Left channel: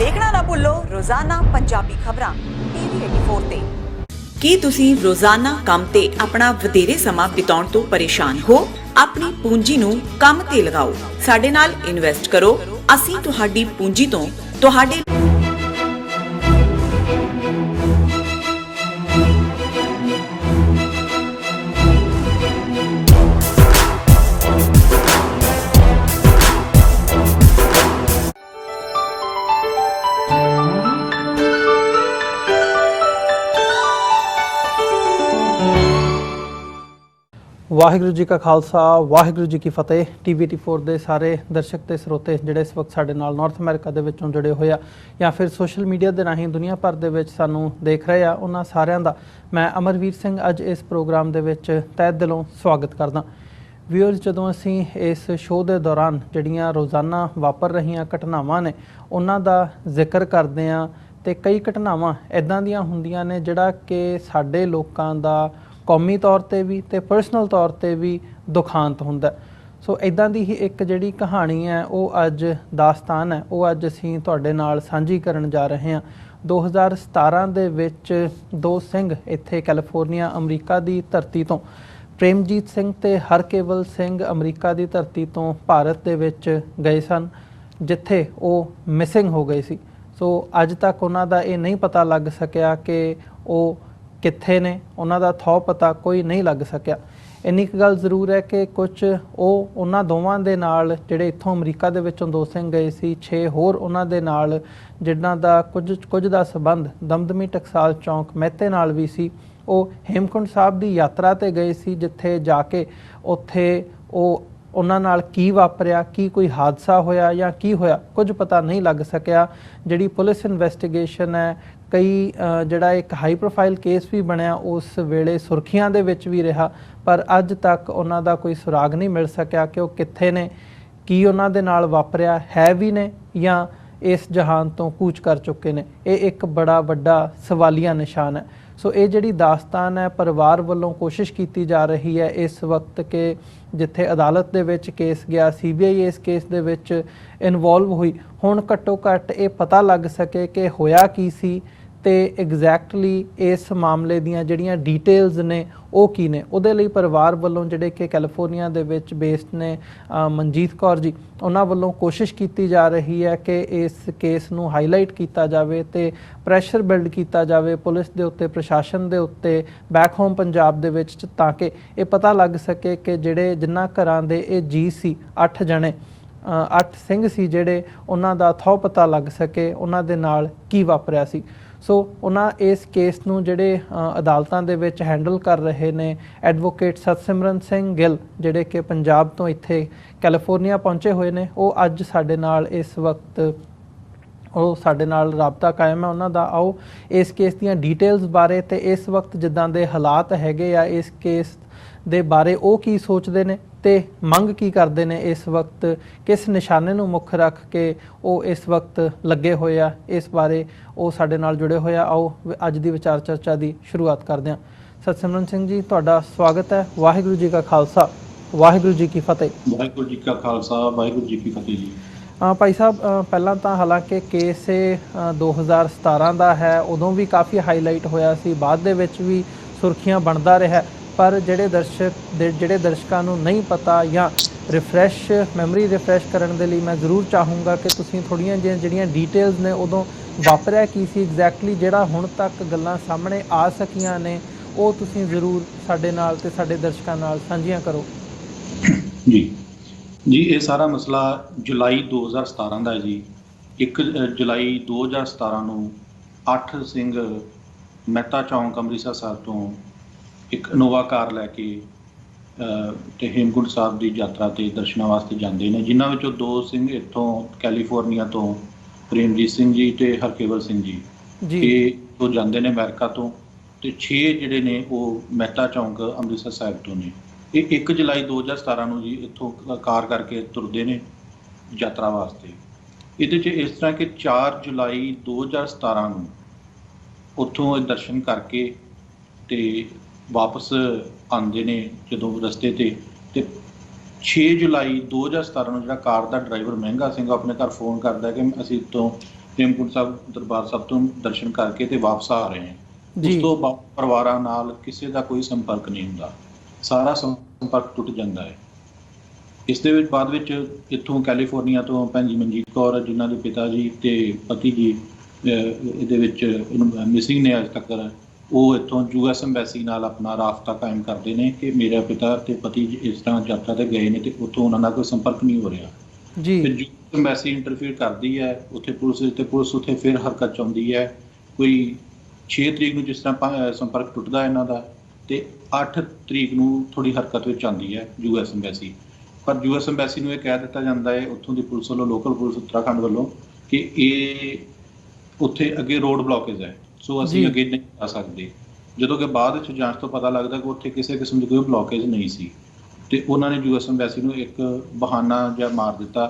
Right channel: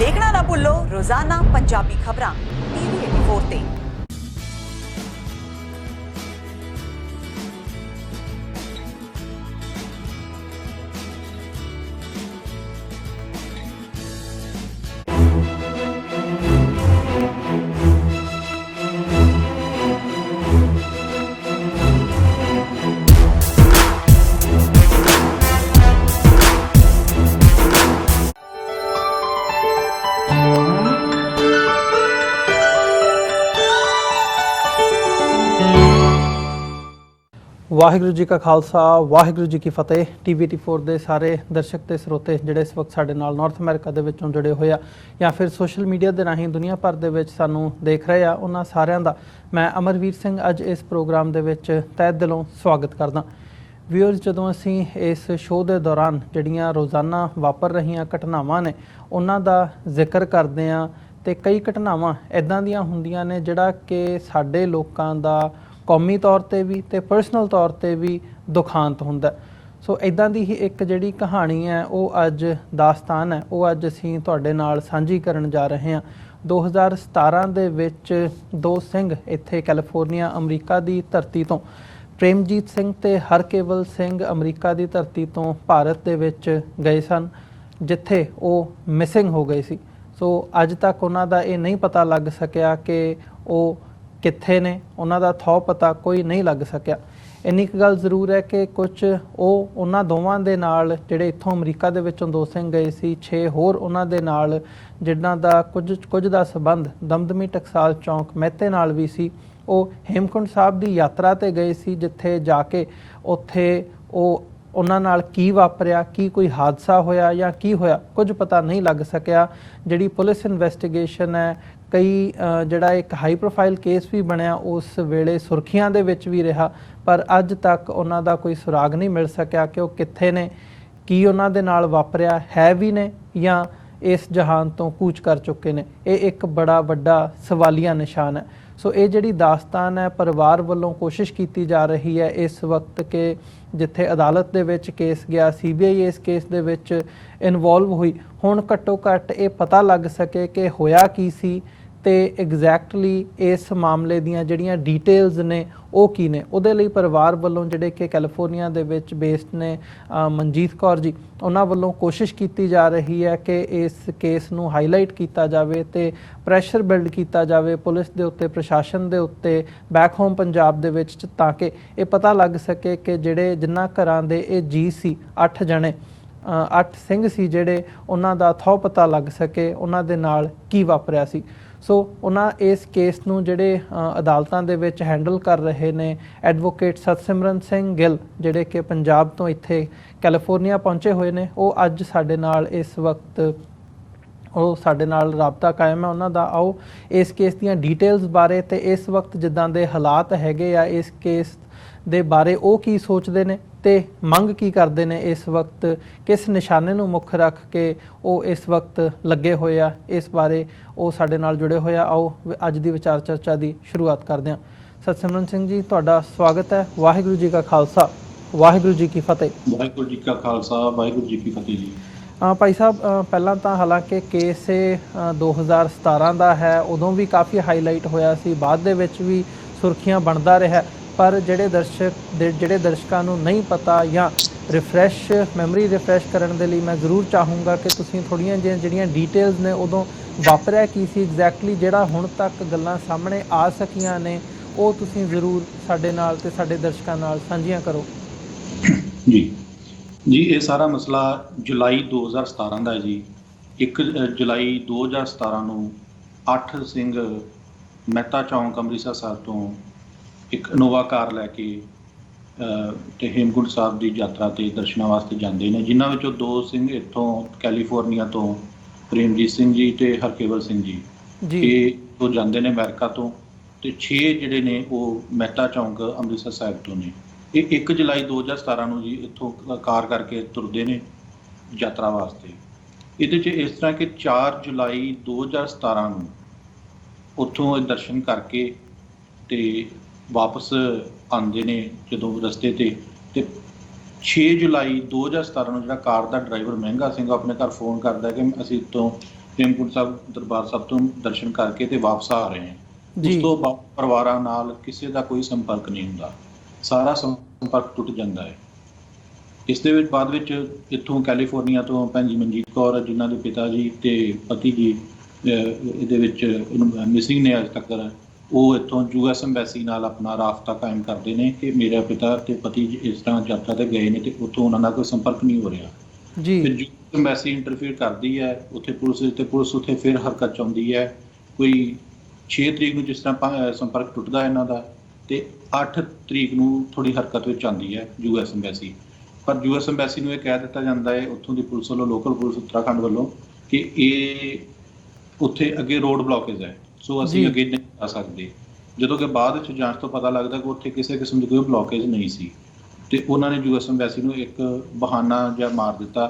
देखना ना भूलो रोजाना पंजाबी खबरां TV 84 ਤੇ। ਕੀ ਤੁਸੀਂ ਰੋਜ਼ਾਨਾ ਕੰਮ ਤੇ ਆਪਣਾ ਵਧੇਰੇ ਸਮਾਂ ਬਿਤਾਉਣ ਤੋਂ ਪਰੇਸ਼ਾਨ ਹੋ? ਆਪਣੀ ਪੂੰਜੀ ਨੂੰ ਕੰਮ ਤੇ ਲਗਾਓ, ਸਾਡੇ ਨਾਲ ਇਨਵੈਸਟ ਕਰੋ। ਅਸੀਂ ਤੁਹਾਡੀ ਪੂੰਜੀ ਤੋਂ ਤੁਹਾਡੇ ਵਾਹਿਗੁਰੂ ਜੀ ਕਾ ਖਾਲਸਾ ਵਾਹਿਗੁਰੂ ਜੀ ਕੀ ਫਤਿਹ। TV 84 ਦੇ ਸਾਰੇ ਦਰਸ਼ਕ ਤੇ ਸਰੋਤੇ ਜਿਹੜੇ ਇਸ ਵਕਤ ਸਾਡੇ ਨਾਲ ਨਾਰਥ ਅਮਰੀਕਾ ਦੇ ਵਿੱਚੋਂ ਜੁੜੇ ਹੋਏ ਆ ਜਾਂ ਫਿਰ ਸੋਸ਼ਲ ਮੀਡੀਆ ਦੇ ਰਾਹੀਂ ਦੁਨੀਆ ਭਰ ਦੇ ਵਿੱਚ ਸਾਨੂੰ ਦੇਖ ਰਹੇ ਆ, ਉਹਨਾਂ ਸਾਰਿਆਂ ਦਾ ਮੈਂ ਅਮਰਵੀਰ ਸਿੰਘ ਅੱਜ ਇਸ ਪ੍ਰੋਗਰਾਮ ਦੇ ਵਿੱਚ ਤਹਿ ਦਿਲੋਂ ਸਵਾਗਤ ਕਰਦਾ। ਵਿਊਅਰਸ, ਜਦੋਂ ਅਸੀਂ ਇਸ ਸ਼ੋਅ ਦੇ ਦੌਰਾਨ ਜਿਹੜੀਆਂ ਰੋਜ਼ਾਨਾ ਵਾਪਰ ਰਹੀਆਂ ਘਟਨਾਵਾਂ ਨੇ ਉਹਨਾਂ ਦਾ ਜ਼ਿਕਰ ਕਰਦੇ ਆ ਤੇ ਕਈ ਘਟਨਾਵਾਂ ਇੱਦਾਂ ਦੀਆਂ ਹੁੰਦੀਆਂ ਨੇ ਜਿਹੜਾ ਕਿ ਸਾਡੇ ਲੋਕਾਂ ਦਾ ਕੌਮੀ ਤੌਰ ਤੇ ਵੀ ਤੇ ਪਰਸਨਲ ਤੌਰ ਤੇ ਵੀ ਦੁਖਾਂਤ ਹੁੰਦਾ। ਸੋ ਇਦਾਂ ਦੀ ਹੀ ਇੱਕ ਜਿਹੜੀ ਕਹਾਣੀ ਹੈ ਉਹ ਅੱਜ ਦਾਸਤਾਨ ਹੈ, ਉਹ ਅੱਜ ਅਸੀਂ ਤੁਹਾਡੇ ਨਾਲ ਸਾਂਝੀ ਕਰਨ ਜਾ ਰਹੇ ਹਾਂ। 2017 ਦੇ ਵਿੱਚ ਦੋ ਸਿੰਘ ਇੱਥੇ ਕੈਲੀਫੋਰਨੀਆ ਅਮਰੀਕਾ ਦੀ ਧਰਤੀ ਤੋਂ, ਪ੍ਰੇਮਜੀਤ ਸਿੰਘ ਤੇ ਹਰਕੇਵਲ ਸਿੰਘ ਅਮਰੀਕਾ ਦੀ ਧਰਤੀ ਤੋਂ ਭਾਰਤ ਦੇ ਵਿੱਚ ਗਏ ਸਨ, ਜਿੱਥੇ ਉਹ ਮਿਸਿੰਗ ਹੋ ਗਏ ਸੀ। ਸੋ ਅੱਜ ਤੱਕ ਉਹਨਾਂ ਦਾ ਇਹ ਨਹੀਂ ਪਤਾ ਲੱਗ ਸਕਿਆ ਕਿ ਉਹ ਕਿੱਥੇ ਨੇ, ਉਹਨਾਂ ਦਾ ਥਹੁ ਪਤਾ ਕੋਈ ਨਹੀਂ ਲੱਗ ਸਕਿਆ। ਇੰਨੀ ਕੁ ਗੱਲ ਜ਼ਰੂਰ ਹੈ ਕਿ ਕੁਝ ਉਹਨਾਂ ਦੋਵਾਂ ਦੇ ਨਾਲ ਜਿਹੜੇ ਇੱਥੋਂ ਅਮਰੀਕਾ ਦੇ ਵਿੱਚੋਂ ਦੋ ਸਿੰਘ ਗਏ ਸੀ, 6 ਹੋਰ ਉਹਨਾਂ ਦੇ ਨਾਲ ਜਿਨ੍ਹਾਂ ਦਾ ਕੁਝ ਦਾ ਸੰਬੰਧ ਦਮਦਮੀ ਟਕਸਾਲ ਚੌਂਕ ਮਹਿਤੇ ਨਾਲ ਵੀ ਸੀ, ਉਹ ਹੇਮਕੁੰਟ ਸਾਹਿਬ ਦੀ ਯਾਤਰਾ ਤੇ ਗਏ ਸੀ, ਜਿੱਥੇ ਜਾ ਕੇ ਉੱਥੇ ਉਹਨਾਂ ਨਾਲ ਕੀ ਵਾਪਰਿਆ, ਕੀ ਕੋਈ ਹਾਦਸਾ ਹੋਇਆ ਜਾਂ ਕੀ ਹੋਇਆ, ਕੁਝ ਪਤਾ ਨਹੀਂ ਲੱਗ ਸਕਿਆ। ਜਿਹੜੀ ਪੁਲਿਸ ਇਨਵੈਸਟੀਗੇਸ਼ਨ ਹੈ, ਕਈ ਜਿਹੜਾ ਇੱਕ ਹਾਈ ਪ੍ਰੋਫਾਈਲ ਕੇਸ ਵੀ ਬਣਿਆ, ਉਸ ਵੇਲੇ ਸੁਰਖੀਆਂ ਦੇ ਵਿੱਚ ਵੀ ਰਿਹਾ, ਪਰ ਅੱਜ ਤੱਕ ਉਹਨਾਂ ਦਾ ਕੋਈ ਸੁਰਾਗ ਨਹੀਂ ਮਿਲ ਸਕਿਆ ਕਿ ਉਹ ਕਿੱਥੇ ਨੇ, ਕੀ ਉਹਨਾਂ ਦੇ ਨਾਲ ਵਾਪਰਿਆ ਹੈ ਵੀ ਨੇ ਜਾਂ ਇਸ ਜਹਾਨ ਤੋਂ ਕੂਚ ਕਰ ਚੁੱਕੇ ਨੇ। ਇਹ ਇੱਕ ਬੜਾ ਵੱਡਾ ਸਵਾਲੀਆ ਨਿਸ਼ਾਨ ਹੈ। ਸੋ ਇਹ ਜਿਹੜੀ ਦਾਸਤਾਨ ਹੈ, ਪਰਿਵਾਰ ਵੱਲੋਂ ਕੋਸ਼ਿਸ਼ ਕੀਤੀ ਜਾ ਰਹੀ ਹੈ ਇਸ ਵਕਤ ਕਿ ਜਿੱਥੇ ਅਦਾਲਤ ਦੇ ਵਿੱਚ ਕੇਸ ਗਿਆ, CBI ਇਸ ਕੇਸ ਦੇ ਵਿੱਚ ਇਨਵੋਲਵ ਹੋਈ, ਹੁਣ ਘੱਟੋ ਘੱਟ ਇਹ ਪਤਾ ਲੱਗ ਸਕੇ ਕਿ ਹੋਇਆ ਕੀ ਸੀ ਤੇ ਐਗਜ਼ੈਕਟਲੀ ਇਸ ਮਾਮਲੇ ਦੀਆਂ ਜਿਹੜੀਆਂ ਡਿਟੇਲਸ ਨੇ ਉਹ ਕੀ ਨੇ। ਉਹਦੇ ਲਈ ਪਰਿਵਾਰ ਵੱਲੋਂ ਜਿਹੜੇ ਕਿ ਕੈਲੀਫੋਰਨੀਆ ਦੇ ਵਿੱਚ ਬੇਸਡ ਨੇ, ਮਨਜੀਤ ਕੌਰ ਜੀ, ਉਹਨਾਂ ਵੱਲੋਂ ਕੋਸ਼ਿਸ਼ ਕੀਤੀ ਜਾ ਰਹੀ ਹੈ ਕਿ ਇਸ ਕੇਸ ਨੂੰ ਹਾਈਲਾਈਟ ਕੀਤਾ ਜਾਵੇ ਤੇ ਪ੍ਰੈਸ਼ਰ ਬਿਲਡ ਕੀਤਾ ਜਾਵੇ ਪੁਲਿਸ ਦੇ ਉੱਤੇ, ਪ੍ਰਸ਼ਾਸਨ ਦੇ ਉੱਤੇ, ਬੈਕ ਹੋਮ ਪੰਜਾਬ ਦੇ ਵਿੱਚ, ਤਾਂ ਕਿ ਇਹ ਪਤਾ ਲੱਗ ਸਕੇ ਕਿ ਜਿਨ੍ਹਾਂ ਘਰਾਂ ਦੇ ਇਹ ਜੀ ਸੀ, 8 ਜਣੇ, 8 ਸਿੰਘ ਸੀ ਜਿਹੜੇ, ਉਹਨਾਂ ਦਾ ਥਹੁ ਪਤਾ ਲੱਗ ਸਕੇ, ਉਹਨਾਂ ਦੇ ਨਾਲ ਕੀ ਵਾਪਰਿਆ ਸੀ। ਸੋ ਉਹਨਾਂ ਇਸ ਕੇਸ ਨੂੰ ਜਿਹੜੇ ਅਦਾਲਤਾਂ ਦੇ ਵਿੱਚ ਹੈਂਡਲ ਕਰ ਰਹੇ ਨੇ, ਐਡਵੋਕੇਟ ਸਤਸਿਮਰਨ ਸਿੰਘ ਗਿੱਲ, ਜਿਹੜੇ ਕਿ ਪੰਜਾਬ ਤੋਂ ਇੱਥੇ ਕੈਲੀਫੋਰਨੀਆ ਪਹੁੰਚੇ ਹੋਏ ਨੇ, ਉਹ ਅੱਜ ਸਾਡੇ ਨਾਲ ਇਸ ਵਕਤ ਸਾਡੇ ਨਾਲ ਰਾਬਤਾ ਕਾਇਮ ਹੈ ਉਹਨਾਂ ਦਾ। ਆਓ ਇਸ ਕੇਸ ਦੀਆਂ ਡਿਟੇਲਸ ਬਾਰੇ ਤੇ ਇਸ ਵਕਤ ਜਿੱਦਾਂ ਦੇ ਹਾਲਾਤ ਹੈਗੇ ਆ ਇਸ ਕੇਸ ਦੇ ਬਾਰੇ ਉਹ ਕੀ ਸੋਚਦੇ ਨੇ ਤੇ ਮੰਗ ਕੀ ਕਰਦੇ ਨੇ ਇਸ ਵਕਤ, ਕਿਸ ਨਿਸ਼ਾਨੇ ਨੂੰ ਮੁੱਖ ਰੱਖ ਕੇ ਉਹ ਇਸ ਵਕਤ ਲੱਗੇ ਹੋਏ ਆ, ਇਸ ਬਾਰੇ ਉਹ ਸਾਡੇ ਨਾਲ ਜੁੜੇ ਹੋਏ ਆ। ਆਓ ਅੱਜ ਦੀ ਵਿਚਾਰ ਚਰਚਾ ਦੀ ਸ਼ੁਰੂਆਤ ਕਰਦੇ ਹਾਂ। ਸਤਸਿਮਰਨ ਸਿੰਘ ਜੀ, ਤੁਹਾਡਾ ਸਵਾਗਤ ਹੈ। ਵਾਹਿਗੁਰੂ ਜੀ ਕਾ ਖਾਲਸਾ ਵਾਹਿਗੁਰੂ ਜੀ ਕੀ ਫਤਿਹ। ਵਾਹਿਗੁਰੂ ਜੀ ਕਾ ਖਾਲਸਾ ਵਾਹਿਗੁਰੂ ਜੀ ਕੀ ਫਤਿਹ ਜੀ। ਭਾਈ ਸਾਹਿਬ, ਪਹਿਲਾਂ ਤਾਂ ਹਾਲਾਂਕਿ ਕੇਸ 2017 ਦਾ ਹੈ, ਉਦੋਂ ਵੀ ਕਾਫੀ ਹਾਈਲਾਈਟ ਹੋਇਆ ਸੀ, ਬਾਅਦ ਦੇ ਵਿੱਚ ਵੀ ਸੁਰਖੀਆਂ ਬਣਦਾ ਰਿਹਾ, ਪਰ ਜਿਹੜੇ ਦਰਸ਼ਕਾਂ ਨੂੰ ਨਹੀਂ ਪਤਾ ਜਾਂ ਮੈਮਰੀ ਰਿਫਰੈਸ਼ ਕਰਨ ਦੇ ਲਈ ਮੈਂ ਜ਼ਰੂਰ ਚਾਹੂੰਗਾ ਕਿ ਤੁਸੀਂ ਥੋੜ੍ਹੀਆਂ ਜਿਹੀਆਂ ਜਿਹੜੀਆਂ ਡਿਟੇਲਸ ਨੇ ਉਦੋਂ ਵਾਪਰਿਆ ਕੀ ਸੀ ਐਗਜ਼ੈਕਟਲੀ, ਜਿਹੜਾ ਹੁਣ ਤੱਕ ਗੱਲਾਂ ਸਾਹਮਣੇ ਆ ਸਕੀਆਂ ਨੇ, ਉਹ ਤੁਸੀਂ ਜ਼ਰੂਰ ਸਾਡੇ ਨਾਲ ਤੇ ਸਾਡੇ ਦਰਸ਼ਕਾਂ ਨਾਲ ਸਾਂਝੀਆਂ ਕਰੋ। ਜੀ ਇਹ ਸਾਰਾ ਮਸਲਾ ਜੁਲਾਈ 2017 ਦਾ ਹੈ ਜੀ। 1 ਜੁਲਾਈ 2017 ਨੂੰ 8 ਸਿੰਘ ਮਹਿਤਾ ਚੌਂਕ ਅੰਮ੍ਰਿਤਸਰ ਸਾਹਿਬ ਤੋਂ ਇੱਕ ਇਨੋਵਾ ਕਾਰ ਲੈ ਕੇ ਤੇ ਹੇਮਕੁੰਟ ਸਾਹਿਬ ਦੀ ਯਾਤਰਾ ਤੇ ਦਰਸ਼ਨਾਂ ਵਾਸਤੇ ਜਾਂਦੇ ਨੇ, ਜਿਨ੍ਹਾਂ ਵਿੱਚੋਂ 2 ਸਿੰਘ ਇੱਥੋਂ ਕੈਲੀਫੋਰਨੀਆ ਤੋਂ, ਪ੍ਰੇਮਜੀਤ ਸਿੰਘ ਜੀ ਤੇ ਹਰਕੇਵਲ ਸਿੰਘ ਜੀ, ਇਹ ਉਹ ਜਾਂਦੇ ਨੇ ਅਮਰੀਕਾ ਤੋਂ, ਤੇ 6 ਜਿਹੜੇ ਨੇ ਉਹ ਮਹਿਤਾ ਚੌਂਕ ਅੰਮ੍ਰਿਤਸਰ ਸਾਹਿਬ ਤੋਂ ਨੇ। ਇਹ 1 ਜੁਲਾਈ 2017 ਨੂੰ ਜੀ ਇੱਥੋਂ ਕਾਰ ਕਰਕੇ ਤੁਰਦੇ ਨੇ ਯਾਤਰਾ ਵਾਸਤੇ। ਇਹਦੇ 'ਚ ਇਸ ਤਰ੍ਹਾਂ ਕਿ 4 ਜੁਲਾਈ 2017 ਨੂੰ ਉੱਥੋਂ ਦਰਸ਼ਨ ਕਰਕੇ ਤੇ ਵਾਪਸ ਆਉਂਦੇ ਨੇ ਜਦੋਂ ਰਸਤੇ ਤੇ 6 ਜੁਲਾਈ 2017 ਨੂੰ ਜਿਹੜਾ ਕਾਰ ਦਾ ਡਰਾਈਵਰ ਮਹਿੰਗਾ ਸਿੰਘ ਆਪਣੇ ਘਰ ਫੋਨ ਕਰਦਾ ਕਿ ਅਸੀਂ ਤੋਂ ਹੇਮਕੁੰਟ ਸਾਹਿਬ ਦਰਬਾਰ ਸਾਹਿਬ ਤੋਂ ਦਰਸ਼ਨ ਕਰਕੇ ਤੇ ਵਾਪਸ ਆ ਰਹੇ ਹਾਂ। ਜੀ। ਉਸ ਤੋਂ ਬਾਅਦ ਪਰਿਵਾਰਾਂ ਨਾਲ ਕਿਸੇ ਦਾ ਕੋਈ ਸੰਪਰਕ ਨਹੀਂ ਹੁੰਦਾ, ਸਾਰਾ ਸੰਪਰਕ ਟੁੱਟ ਜਾਂਦਾ ਹੈ। ਇਸ ਦੇ ਵਿੱਚ ਬਾਅਦ ਵਿੱਚ ਇੱਥੋਂ ਕੈਲੀਫੋਰਨੀਆ ਤੋਂ ਭੈਣ ਜੀ ਮਨਜੀਤ ਕੌਰ, ਜਿਨ੍ਹਾਂ ਦੇ ਪਿਤਾ ਜੀ ਤੇ ਪਤੀ ਜੀ ਇਹਦੇ ਵਿੱਚ ਮਿਸਿੰਗ ਨੇ ਅੱਜ ਤੱਕ, ਉਹ ਇੱਥੋਂ US ਐਮਬੈਸੀ ਨਾਲ ਆਪਣਾ ਰਾਬਤਾ ਕਾਇਮ ਕਰਦੇ ਨੇ ਕਿ ਮੇਰਾ ਪਿਤਾ ਤੇ ਪਤੀ ਇਸ ਤਰ੍ਹਾਂ ਯਾਤਰਾ ਤੇ ਗਏ ਨੇ ਤੇ ਉੱਥੋਂ ਉਹਨਾਂ ਦਾ ਕੋਈ ਸੰਪਰਕ ਨਹੀਂ ਹੋ ਰਿਹਾ। ਜੀ। ਫਿਰ US ਐਮਬੈਸੀ ਇੰਟਰਫੀਅਰ ਕਰਦੀ ਹੈ ਉੱਥੇ ਪੁਲਿਸ ਉੱਥੇ ਫਿਰ ਹਰਕਤ 'ਚ ਆਉਂਦੀ ਹੈ। ਕੋਈ 6 ਤਰੀਕ ਨੂੰ ਜਿਸ ਤਰ੍ਹਾਂ ਸੰਪਰਕ ਟੁੱਟਦਾ ਇਹਨਾਂ ਦਾ, ਤੇ 8 ਤਰੀਕ ਨੂੰ ਥੋੜੀ ਹਰਕਤ ਵਿੱਚ ਆਉਂਦੀ ਹੈ US ਐਮਬੈਸੀ। ਪਰ US ਐਮਬੈਸੀ ਨੂੰ ਇਹ ਕਹਿ ਦਿੱਤਾ ਜਾਂਦਾ ਹੈ ਉੱਥੋਂ ਦੀ ਪੁਲਿਸ ਵੱਲੋਂ, ਲੋਕਲ ਪੁਲਿਸ ਉੱਤਰਾਖੰਡ ਵੱਲੋਂ, ਕਿ ਇਹ ਉੱਥੇ ਅੱਗੇ ਰੋਡ ਬਲੌਕੇਜ ਹੈ, ਸੋ ਅਸੀਂ ਅੱਗੇ ਨਹੀਂ ਜਾ ਸਕਦੇ। ਜਦੋਂ ਕਿ ਬਾਅਦ ਵਿੱਚ ਜਾਂਚ ਤੋਂ ਪਤਾ ਲੱਗਦਾ ਕਿ ਉੱਥੇ ਕਿਸੇ ਕਿਸਮ ਦੀ ਕੋਈ ਬਲੌਕੇਜ ਨਹੀਂ ਸੀ, ਤੇ ਉਹਨਾਂ ਨੇ US ਐਮਬੈਸੀ ਨੂੰ ਇੱਕ ਬਹਾਨਾ ਜਿਹਾ ਮਾਰ ਦਿੱਤਾ।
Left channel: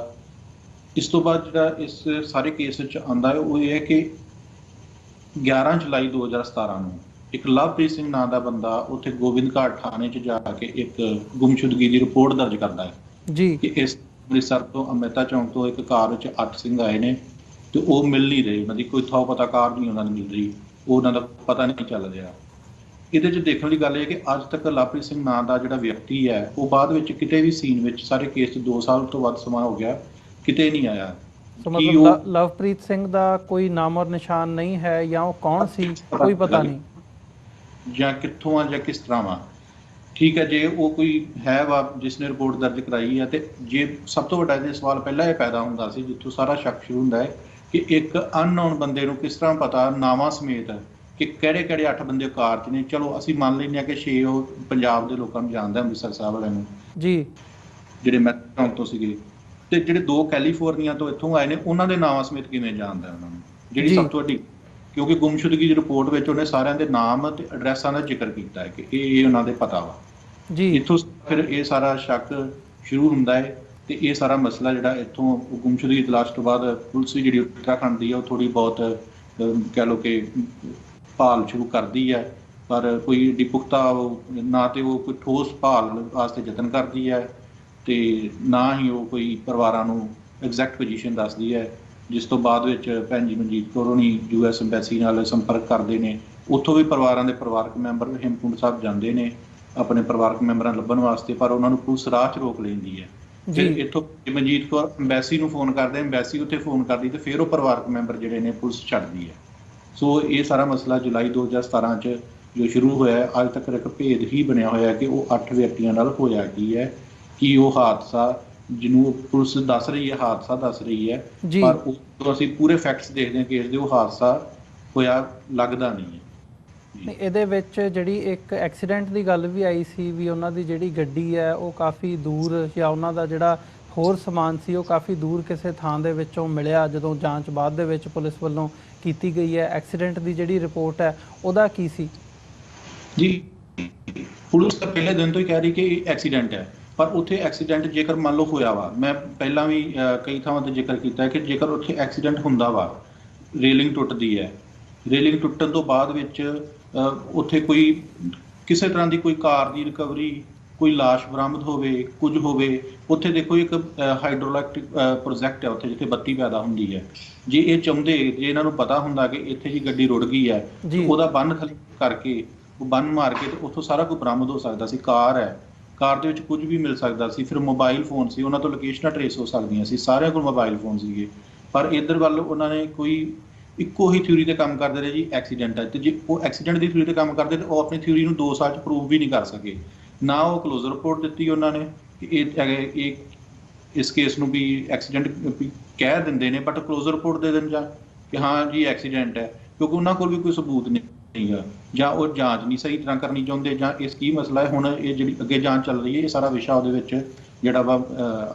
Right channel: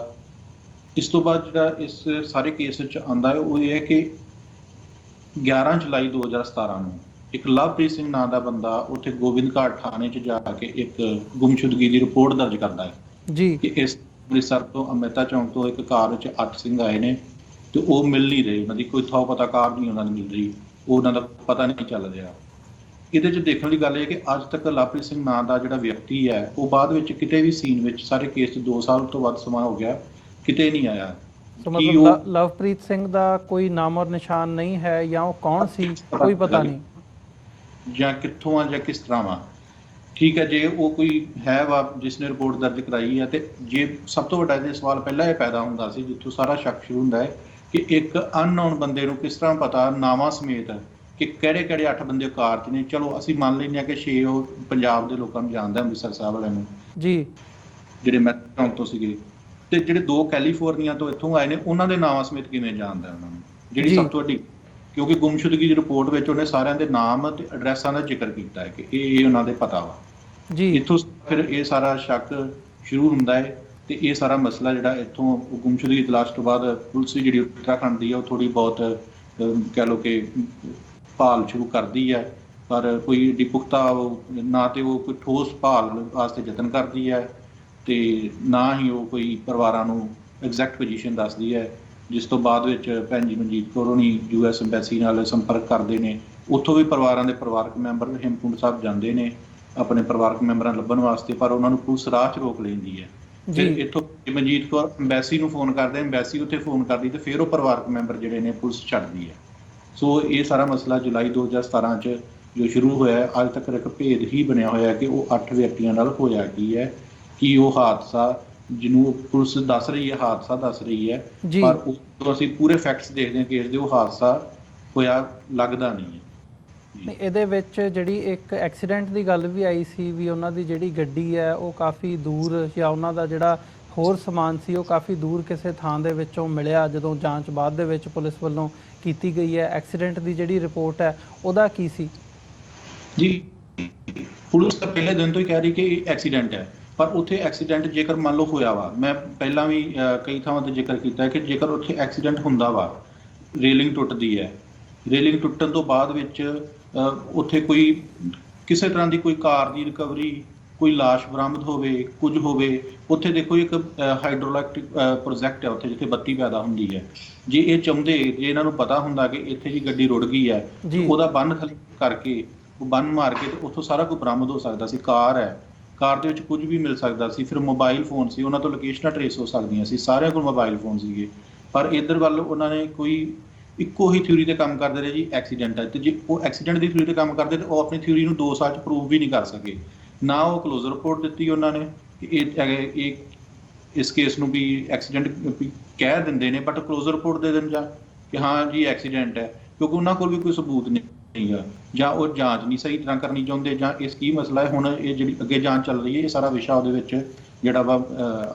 ਇਸ ਤੋਂ ਬਾਅਦ ਜਿਹੜਾ ਇਸ ਸਾਰੇ ਕੇਸ ਵਿੱਚ ਆਉਂਦਾ ਹੈ ਉਹ ਇਹ ਹੈ ਕਿ 11 ਜੁਲਾਈ 2017 ਨੂੰ ਇੱਕ ਲਵਪ੍ਰੀਤ ਸਿੰਘ ਨਾਂ ਦਾ ਬੰਦਾ ਉੱਥੇ ਗੋਬਿੰਦਘਾਟ ਥਾਣੇ 'ਚ ਜਾ ਕੇ ਇੱਕ ਗੁੰਮਸ਼ੁਦਗੀ ਦੀ ਰਿਪੋਰਟ ਦਰਜ ਕਰਦਾ ਹੈ ਜੀ ਕਿ ਇਸ ਅੰਮ੍ਰਿਤਸਰ ਤੋਂ ਅੰਮ੍ਰਿਤਾ ਚੌਂਕ ਤੋਂ ਇੱਕ ਕਾਰ ਵਿੱਚ 8 ਸਿੰਘ ਆਏ ਨੇ ਤੇ ਉਹ ਮਿਲ ਨਹੀਂ ਰਹੇ, ਉਹਨਾਂ ਦੀ ਕੋਈ ਥਾਂ ਪਤਾ ਕਾਰ ਨਹੀਂ ਉਹਨਾਂ ਨੂੰ ਮਿਲ ਰਹੀ, ਉਹ ਉਹਨਾਂ ਦਾ ਪਤਾ ਨਹੀਂ ਚੱਲ ਰਿਹਾ। ਇਹਦੇ 'ਚ ਦੇਖਣ ਦੀ ਗੱਲ ਇਹ ਕਿ ਅੱਜ ਤੱਕ ਲਵਪ੍ਰੀਤ ਸਿੰਘ ਨਾਂ ਦਾ ਜਿਹੜਾ ਵਿਅਕਤੀ ਹੈ ਉਹ ਬਾਅਦ ਵਿੱਚ ਕਿਤੇ ਵੀ ਸੀਨ ਵਿੱਚ, ਸਾਰੇ ਕੇਸ 'ਚ 2 ਸਾਲ ਤੋਂ ਵੱਧ ਸਮਾਂ ਹੋ ਗਿਆ, ਕਿਤੇ ਨਹੀਂ ਆਇਆ। ਸੋ ਮਤਲਬ ਲਵਪ੍ਰੀਤ ਸਿੰਘ ਦਾ ਕੋਈ ਨਾਮ ਔਰ ਨਿਸ਼ਾਨ ਨਹੀਂ ਹੈ, ਜਾਂ ਉਹ ਕੌਣ ਸੀ ਕੋਈ ਪਤਾ ਨਹੀਂ, ਜਾਂ ਕਿੱਥੋਂ ਆ ਜਾਂ ਕਿਸ ਤਰ੍ਹਾਂ ਵਾ। ਠੀਕ ਹੈ, ਜੇ ਉਹ ਕੋਈ ਹੈ ਵਾ ਜਿਸ ਨੇ ਰਿਪੋਰਟ ਦਰਜ ਕਰਾਈ ਹੈ, ਤੇ ਜੇ ਸਭ ਤੋਂ ਵੱਡਾ ਇਹ ਸਵਾਲ ਪਹਿਲਾਂ ਇਹ ਪੈਦਾ ਹੁੰਦਾ ਸੀ ਜਿੱਥੋਂ ਸਾਰਾ ਸ਼ੱਕ ਸ਼ੁਰੂ ਹੁੰਦਾ ਹੈ ਕਿ ਇੱਕ ਅਨਨੋਨ ਬੰਦੇ ਨੂੰ ਕਿਸ ਤਰ੍ਹਾਂ ਪਤਾ ਨਾਵਾਂ ਸਮੇਤ ਕਿ ਕਿਹੜੇ 8 ਬੰਦੇ ਕਾਰ 'ਚ ਨੇ। ਚਲੋ ਅਸੀਂ ਮੰਨ ਲੈਂਦੇ ਹਾਂ ਕਿ 6 ਉਹ ਪੰਜਾਬ ਦੇ ਲੋਕਾਂ ਨੂੰ ਜਾਣਦਾ, ਅੰਮ੍ਰਿਤਸਰ ਸਾਹਿਬ ਵਾਲਿਆਂ ਨੂੰ ਜੀ, ਜਿਹੜੇ ਮੈਟਾਂ ਤੋਂ ਸੀਗੇ, ਤੇ ਜਿਹੜੇ 2 ਕੈਲੀਫੋਰਨੀਆ ਤੋਂ ਇੱਥੋਂ ਆਏ ਨੇ ਉਹਨਾਂ ਦੇ ਨਾਵਾਂ ਸਮੇਤ ਕਿਵੇਂ ਜਾਣਦਾ ਉਹਨਾਂ ਨੂੰ, ਜਿਹੜੀ ਸਭ ਤੋਂ ਵੱਡੀ, ਕਿਉਂਕਿ ਗੁੰਮਸ਼ੁਦਗੀ ਦੀ ਰਿਪੋਰਟ ਵਿੱਚ ਉਹਨੇ ਸਾਰਿਆਂ ਦੇ ਨਾਮ ਤੇ ਐਡਰੈਸਾਂ ਦਾ ਜ਼ਿਕਰ ਕੀਤਾ ਹੈ ਕਿ ਇਹ ਉਹਨਾਂ ਦੇ ਪਤਾ ਵਾ ਜੀ। ਇੱਥੋਂ ਫਿਰ ਇਹ ਸਾਰਾ ਸ਼ੱਕ ਸ਼ੁਰੂ ਹੁੰਦਾ ਹੈ, ਤੇ ਇਹ ਸਾਰਾ ਮਸਲਾ ਜਿਹੜਾ ਇੱਥੋਂ ਗੁੰਮਸ਼ੁਦਗੀ ਦੀ ਤਲਾਸ਼ ਤੋਂ ਬਾਅਦ ਪੁਲਿਸ ਵੀ ਜਿਹੜੀ ਉੱਤਰਾਖੰਡ ਦੀ ਹੈ ਉਹ ਥੋੜੀ ਬਹੁਤ ਕਹਿ ਲਓ ਕਿ ਭਾਲ ਸ਼ੁਰੂ ਕਰਦੀ ਹੈ, ਪਰ ਕੋਈ ਏਡੀ ਪੁਖਤਾ ਨਾ ਤੇ ਉਹ ਕੋਈ ਠੋਸ ਭਾਲ ਵਾਸਤੇ ਯਤਨ ਕਰਦੀ ਹੈ, ਤੇ ਨਾ ਹੀ ਉਹ ਕੋਈ ਪਰਿਵਾਰਾਂ ਨੂੰ ਐਗਜ਼ੈਕਟ ਪੋਜੀਸ਼ਨ ਦੱਸਦੀ ਹੈ। ਜਿਸ ਤੋਂ ਬਾਅਦ ਵਿੱਚ ਭੈਣ ਜੀ ਮਨਜੀਤ ਕੌਰ ਹੋਣੀ US ਐਮਬੈਸੀ ਨਾਲ ਸੰਪਰਕ ਕਰਦੇ ਨੇ, ਉੱਥੋਂ ਵੀ ਪਰਿਵਾਰਾਂ ਦੇ ਪਰਿਵਾਰਕ ਮੈਂਬਰ ਹੇਮਕੁੰਟ ਸਾਹਿਬ ਜਾਂਦੇ ਨੇ ਆਪਣੇ ਪਰਿਵਾਰਕ ਮੈਂਬਰਾਂ ਨੂੰ ਲੱਭਣ ਵਾਸਤੇ, ਪਰ ਉਹਨਾਂ ਨੂੰ ਪੁਲਿਸ ਰਾਹ 'ਚ ਰੋਕ ਲੈਂਦੀ ਹੈ। ਫਿਰ ਇੱਥੋਂ ਮਨਜੀਤ ਕੌਰ ਐਮਬੈਸੀ ਨੂੰ ਫੋਨ ਕਰਦੇ, ਐਮਬੈਸੀ ਉੱਥੇ ਫੋਨ ਕਰਦੀ, ਤੇ ਫਿਰ ਉਹ ਪਰਿਵਾਰਕ ਮੈਂਬਰ ਜਿਹੜੇ ਨੇ ਪੁਲਿਸ ਛੱਡਦੀ ਹੈ। ਸੋ ਇਹ ਸਾਰਾ ਮਸਲਾ ਜੁਲਾਈ 2017 'ਚ ਜੋ ਸ਼ੁਰੂ ਹੋਇਆ, ਅੱਜ ਤੱਕ ਇੱਕ ਭੇਦ ਹੀ ਬਣਿਆ ਹੋਇਆ ਕਿ ਉਹ 8 ਵਿਅਕਤੀਆਂ ਨਾਲ ਹੋਇਆ ਕੀ ਹੈ, ਕਿ ਉਹ ਹਾਦਸਾ ਜਿਹਨੂੰ ਪੁਲਿਸ ਦੱਸ ਰਹੀ ਹੈ ਹਾਦਸਾ ਦੱਸ ਰਹੀ ਹੈ, ਪਰ ਉਹ ਅਸੀਂ ਪੂਰੇ ਫੈਕਟਸ ਦੇਖਦੇ ਹਾਂ ਕੇਸ ਦੇ, ਉਹ ਹਾਦਸਾ ਹੋਇਆ ਲੱਗਦਾ ਨਹੀਂ ਹੈ। ਇਹਦੇ ਵਿੱਚ ਜਿਹੜੀ ਇੱਕ ਐਕਸੀਡੈਂਟ ਦੀ ਗੱਲ ਵੀ ਆਈ ਸੀ ਵੀ ਉਹਨਾਂ ਦੀ ਜਿਹੜੀ ਗੱਡੀ ਹੈ ਉਹ ਕਾਫੀ ਦੂਰ, ਜਾਂ ਉਹਨਾਂ ਦਾ ਜਿਹੜਾ ਹੋਰ ਸਮਾਨ ਸੀ ਉਹ ਕਾਫੀ ਦੂਰ ਕਿਸੇ ਥਾਂ ਦੇ ਵਿੱਚੋਂ ਮਿਲਿਆ, ਜਦੋਂ ਜਾਂਚ ਬਾਅਦ ਦੇ ਵਿੱਚ ਪੁਲਿਸ ਵੱਲੋਂ ਕੀਤੀ ਗਈ ਹੈ। ਐਕਸੀਡੈਂਟ ਦੀ ਜਿਹੜੀ ਰਿਪੋਰਟ ਹੈ ਉਹਦਾ ਕੀ ਸੀ ਜੀ? ਪੁਲਿਸ ਤਾਂ ਪਹਿਲੇ ਦਿਨ ਤੋਂ ਹੀ ਕਹਿ ਰਹੀ ਕਿ ਇਹ ਐਕਸੀਡੈਂਟ ਹੈ, ਪਰ ਉੱਥੇ ਐਕਸੀਡੈਂਟ ਜੇਕਰ ਮੰਨ ਲਓ ਹੋਇਆ ਵਾ, ਮੈਂ ਪਹਿਲਾਂ ਵੀ ਕਈ ਥਾਵਾਂ ਤੇ ਜ਼ਿਕਰ ਕੀਤਾ ਹੈ ਕਿ ਜੇਕਰ ਉੱਥੇ ਐਕਸੀਡੈਂਟ ਹੁੰਦਾ ਵਾ, ਰੇਲਿੰਗ ਟੁੱਟਦੀ ਹੈ, ਰੇਲਿੰਗ ਟੁੱਟਣ ਤੋਂ ਬਾਅਦ ਵਿੱਚ ਉੱਥੇ ਕੋਈ ਕਿਸੇ ਤਰ੍ਹਾਂ ਦੀ ਕੋਈ ਕਾਰ ਦੀ ਰਿਕਵਰੀ, ਕੋਈ ਲਾਸ਼ ਬਰਾਮਦ ਹੋਵੇ, ਕੁਝ ਹੋਵੇ, ਉੱਥੇ ਦੇਖੋ ਇੱਕ ਹਾਈਡਰੋਇਲੈਕਟ੍ਰਿਕ ਪ੍ਰੋਜੈਕਟ ਹੈ ਉੱਥੇ ਜਿੱਥੇ ਬੱਤੀ ਪੈਦਾ ਹੁੰਦੀ ਹੈ। ਜੇ ਇਹ ਚਾਹੁੰਦੇ, ਜੇ ਇਹਨਾਂ ਨੂੰ ਪਤਾ ਹੁੰਦਾ ਕਿ ਇੱਥੇ ਜੀ ਗੱਡੀ ਰੁੜ ਗਈ ਹੈ, ਉਹਦਾ ਬੰਨ ਖਾਲੀ ਕਰਕੇ, ਉਹ ਬੰਨ ਮਾਰ ਕੇ, ਤੇ ਉੱਥੋਂ ਸਾਰਾ ਕੁਝ ਬਰਾਮਦ ਹੋ ਸਕਦਾ ਸੀ। ਕਾਰ ਹੈ, ਕਾਰ ਦੇ ਵਿੱਚ ਕੁਝ ਵੀ ਮਿਲ ਸਕਦਾ ਸੀ। ਫਿਰ ਮੋਬਾਈਲ ਫੋਨ ਸੀ, ਉਹਨਾਂ ਤੋਂ ਲੋਕੇਸ਼ਨਾਂ ਟਰੇਸ ਹੋ ਸਕਦੀਆਂ ਸੀ, ਸਾਰਿਆਂ ਕੋਲ ਮੋਬਾਈਲ ਫੋਨ ਸੀਗੇ। ਪਰ ਇੱਧਰ ਵੱਲ ਉਹਨਾਂ ਨੇ ਕੋਈ ਇੱਕੋ ਹੀ ਥਿਊਰੀ ਤੇ ਕੰਮ ਕਰਦੇ ਰਹੇ ਜੀ, ਐਕਸੀਡੈਂਟ ਹੈ। ਤੇ ਜੇ ਉਹ ਐਕਸੀਡੈਂਟ ਦੀ ਥਿਊਰੀ ਤੇ ਕੰਮ ਕਰਦੇ ਤੇ ਉਹ ਆਪਣੀ ਥਿਊਰੀ ਨੂੰ 2 ਸਾਲ 'ਚ ਪ੍ਰੂਵ ਵੀ ਨਹੀਂ ਕਰ ਸਕੇ। ਨਾ ਉਹ ਕਲੋਜ਼ਰ ਰਿਪੋਰਟ ਦਿੱਤੀ ਉਹਨਾਂ ਨੇ ਕਿ ਇਹ ਇਸ ਕੇਸ ਨੂੰ ਵੀ ਐਕਸੀਡੈਂਟ ਕਹਿ ਦਿੰਦੇ ਨੇ, ਬਟ ਕਲੋਜ਼ਰ ਰਿਪੋਰਟ ਦੇ ਦੇਣ ਜਾਂ ਕਿ ਹਾਂ ਜੀ ਐਕਸੀਡੈਂਟ ਹੈ, ਕਿਉਂਕਿ ਉਹਨਾਂ ਕੋਲ ਵੀ ਕੋਈ ਸਬੂਤ ਨਹੀਂ ਹੈ, ਜਾਂ ਉਹ ਜਾਂਚ ਨਹੀਂ ਸਹੀ ਤਰ੍ਹਾਂ ਕਰਨੀ ਚਾਹੁੰਦੇ, ਜਾਂ ਇਸ ਕੀ ਮਸਲਾ ਹੈ। ਹੁਣ ਇਹ ਜਿਹੜੀ ਅੱਗੇ ਜਾਂਚ ਚੱਲ ਰਹੀ ਹੈ, ਇਹ ਸਾਰਾ ਵਿਸ਼ਾ ਉਹਦੇ ਵਿੱਚ ਜਿਹੜਾ ਵਾ